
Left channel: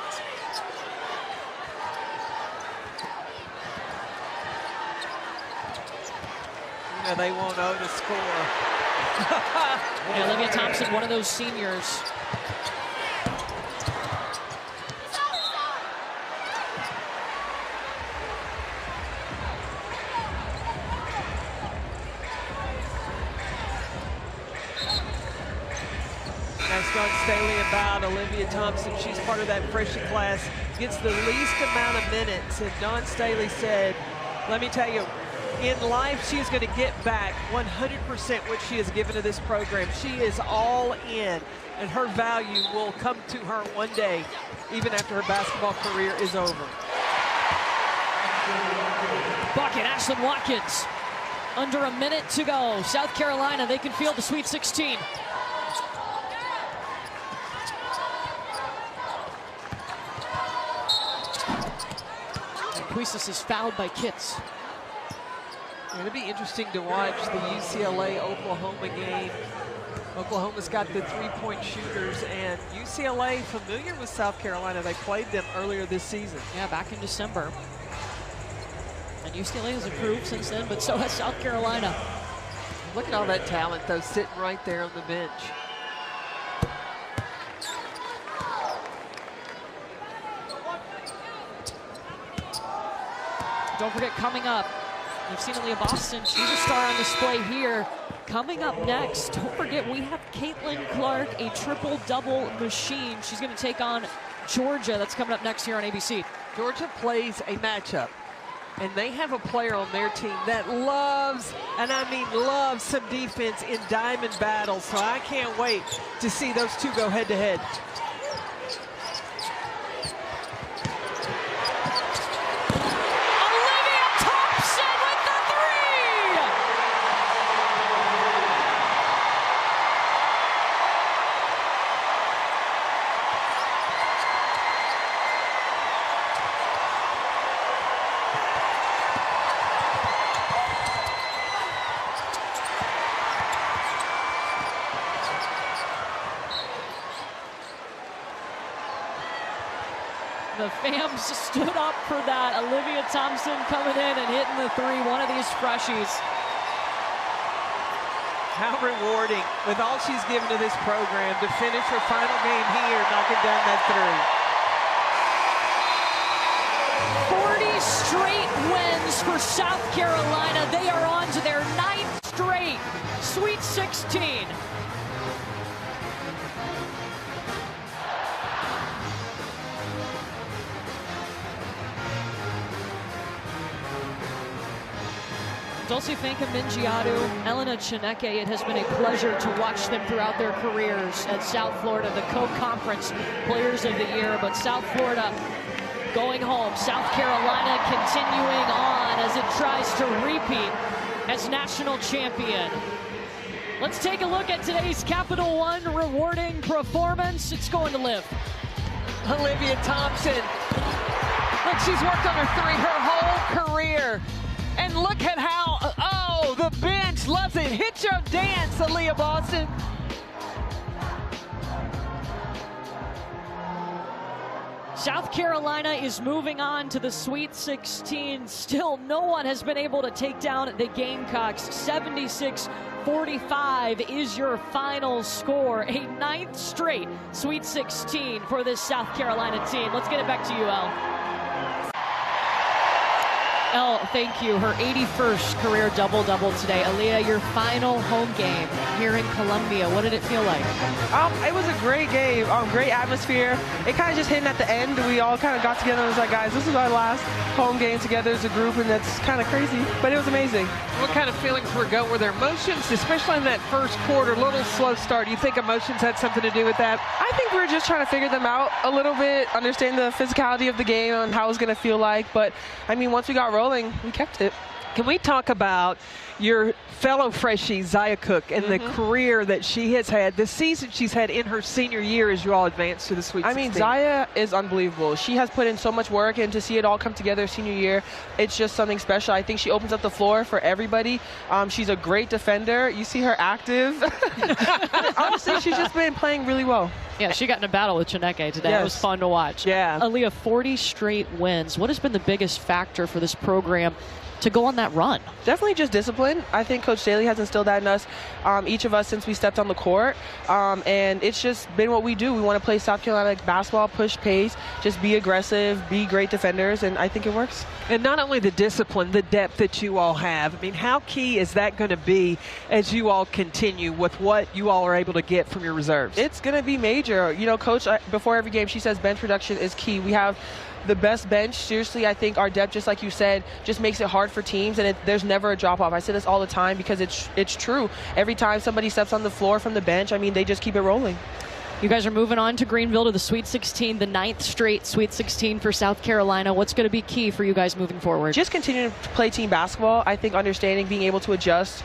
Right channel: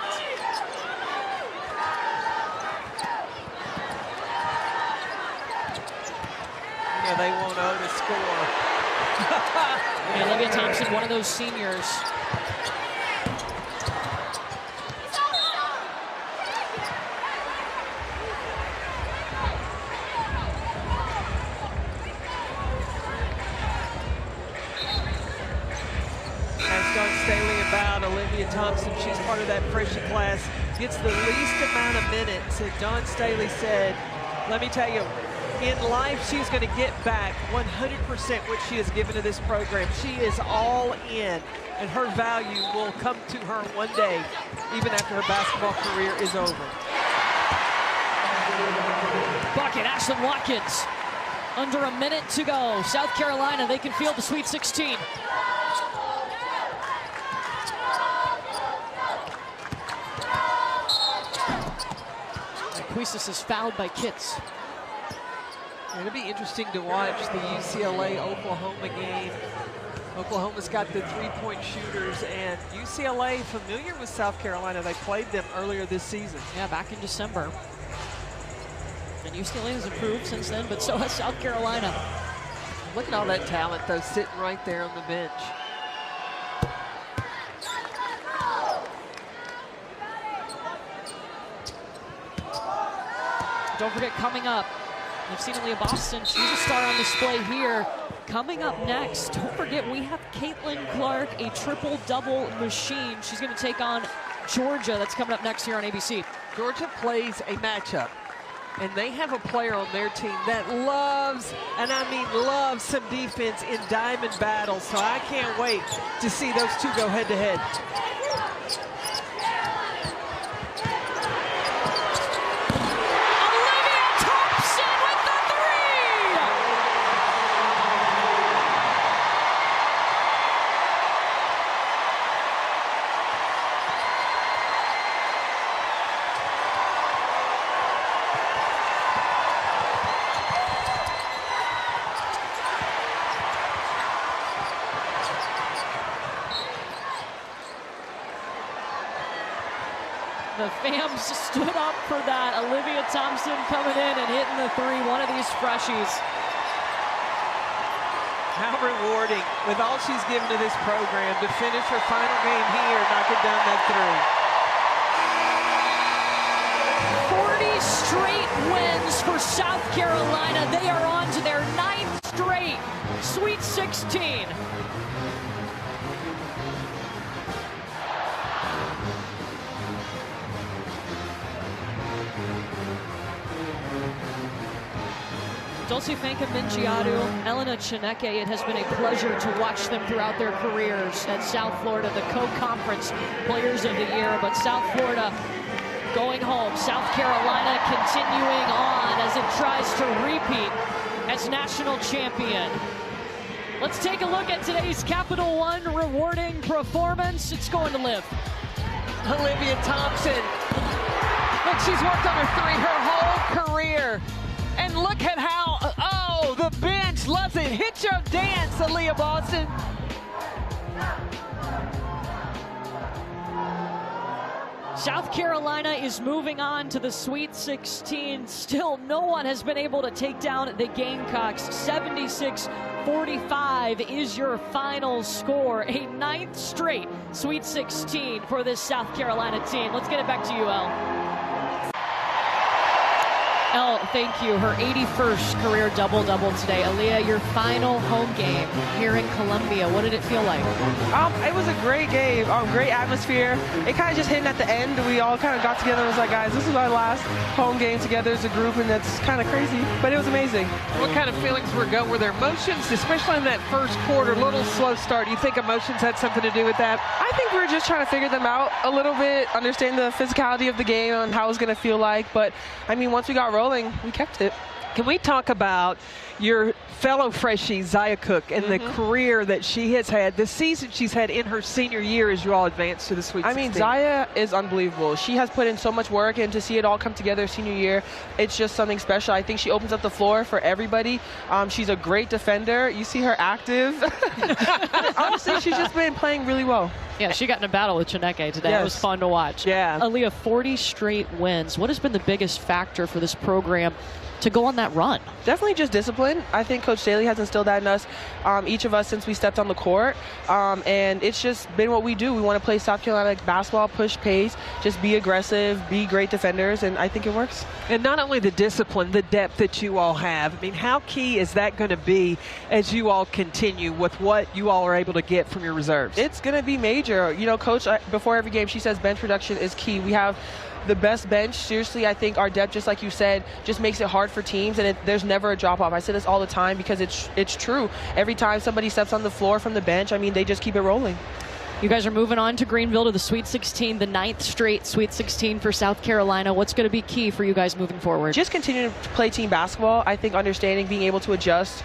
You know, they won't owe to score. And Olivia Thompson, one of those seniors. Ask Dawn Staley about Olivia Thompson. She's part of that freshman class, gets the least amount of minutes. And Dawn Staley said, let me tell you, in life, she is going to get back 100% what she has given to this program. She is all in, and her value will come to her one day, even after her basketball career is over. Bucket, Ashlyn Watkins. Under a minute to go. South Carolina, they can field the Sweet 16. Quistis is fouled by Kitts. It'll be interesting to watch the UCLA-Oklahoma game. Oklahoma's got the 3-point shooters, and UCLA familiar with South Carolina. They played them earlier this season. Yeah, back in December. And UCLA has improved since then, but so has South Carolina. Look at all that talent, though, sitting right there on the bench. Don't forget, coming up, you've seen Aaliyah Boston. She's a star on display here. Coming up next, don't forget, we have Caitlin Clark, a triple-double machine. She's going to take on Georgia. That's coming up next here on ABC. Georgia plays a matchup, and they have a player on their team that loves, and I mean loves, some defense in diamond battles. So I can't wait to see those two go head-to-head. The fans stood up for that. Olivia Thompson coming in and hitting the 3, one of these freshies. How rewarding, with all she's given to this program, to finish her final game here, knocking down that 3. 40 straight wins for South Carolina. They are on to their 9th straight Sweet 16. Dulce Mingiadu, Elena Chineke, it has been a pleasure to watch them throughout their careers at South Florida, the co-conference players of the year. But South Florida going home. South Carolina continuing on as it tries to repeat as national champion. Let's take a look at today's Capital One rewarding performance. It's going to live. Olivia Thompson. Look, she's worked on her whole career. And look at how, oh, the bench loves it. Hit your dance, Aaliyah Boston. South Carolina is moving on to the Sweet 16. Still, no one has been able to take down the Gamecocks. 76-45 is your final score. A 9th straight Sweet 16 for this South Carolina team. Let's get it back to you, Elle. Elle, thank you. Her 81st career double-double today. Aaliyah, your final home game here in Columbia. What did it feel like? It was a great game, great atmosphere. It kind of just hit at the end. We all kind of got together and was like, guys, this is our last home game together as a group, and that's kind of crazy, but it was amazing. What kind of feelings were going? Were there emotions, especially in that first quarter, little slow start? Do you think emotions had something to do with that? I think we were just trying to figure them out a little bit, understand the physicality of the game and how it was going to feel like, but I mean, once we got rolling, we kept it. Can we talk about your fellow freshie, Zaya Cook, and the career that she has had, the season she's had in her senior year as you all advance to the Sweet 16? I mean, Zaya is unbelievable. She has put in so much work, and to see it all come together senior year, it's just something special. I think she opens up the floor for everybody. She's a great defender. You see her active. Honestly, she's just been playing really well. Yeah, she got in a battle with Chineke today. Yes. It was fun to watch. Yeah. Aaliyah, 40 straight wins. What has been the biggest factor for this program to go on that run? Definitely just discipline. I think Coach Daly has instilled that in us, each of us, since we stepped on the court. And it's just been what we do. We want to play South Carolina basketball, push pace, just be aggressive, be great defenders, and I think it works. And not only the discipline, the depth that you all have. I mean, how key is that going to be as you all continue with what you all are able to get from your reserves? It's going to be major. You know, Coach, before every game, she says bench production is key. We have the best bench. Seriously, I think our depth, just like you said, just makes it hard for teams, and there's never a drop-off. I say this all the time because it's true. Every time somebody steps on the floor from the bench, I mean, they just keep it rolling. You guys are moving on to Greenville to the Sweet 16, the 9th straight Sweet 16 for South Carolina. What's going to be key for you guys moving forward? Just continuing to play team basketball. I think understanding, being able to adjust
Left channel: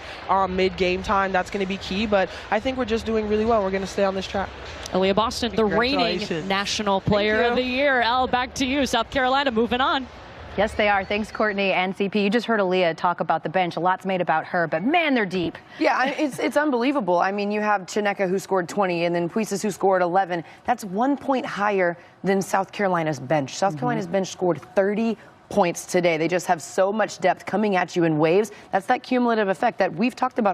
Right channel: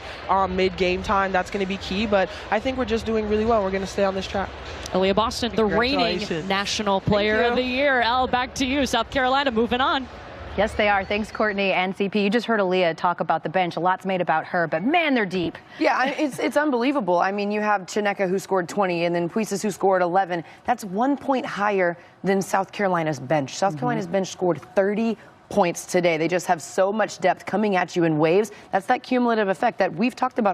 mid-game time, that's going to be key. But I think we're just doing really well. We're going to stay on this track. Aaliyah Boston, the reigning National Player of the Year. Elle, back to you. South Carolina moving on. Yes, they are. Thanks, Courtney and CP. You just heard Aaliyah talk about the bench. A lot's made about her, but man, they're deep. Yeah, it's unbelievable. I mean, you have Chineke who scored 20 and then Puises who scored 11. That's 1 point higher than South Carolina's bench. South Carolina's bench scored 30 points today. They just have so much depth coming at you in waves. That's that cumulative effect that we've talked about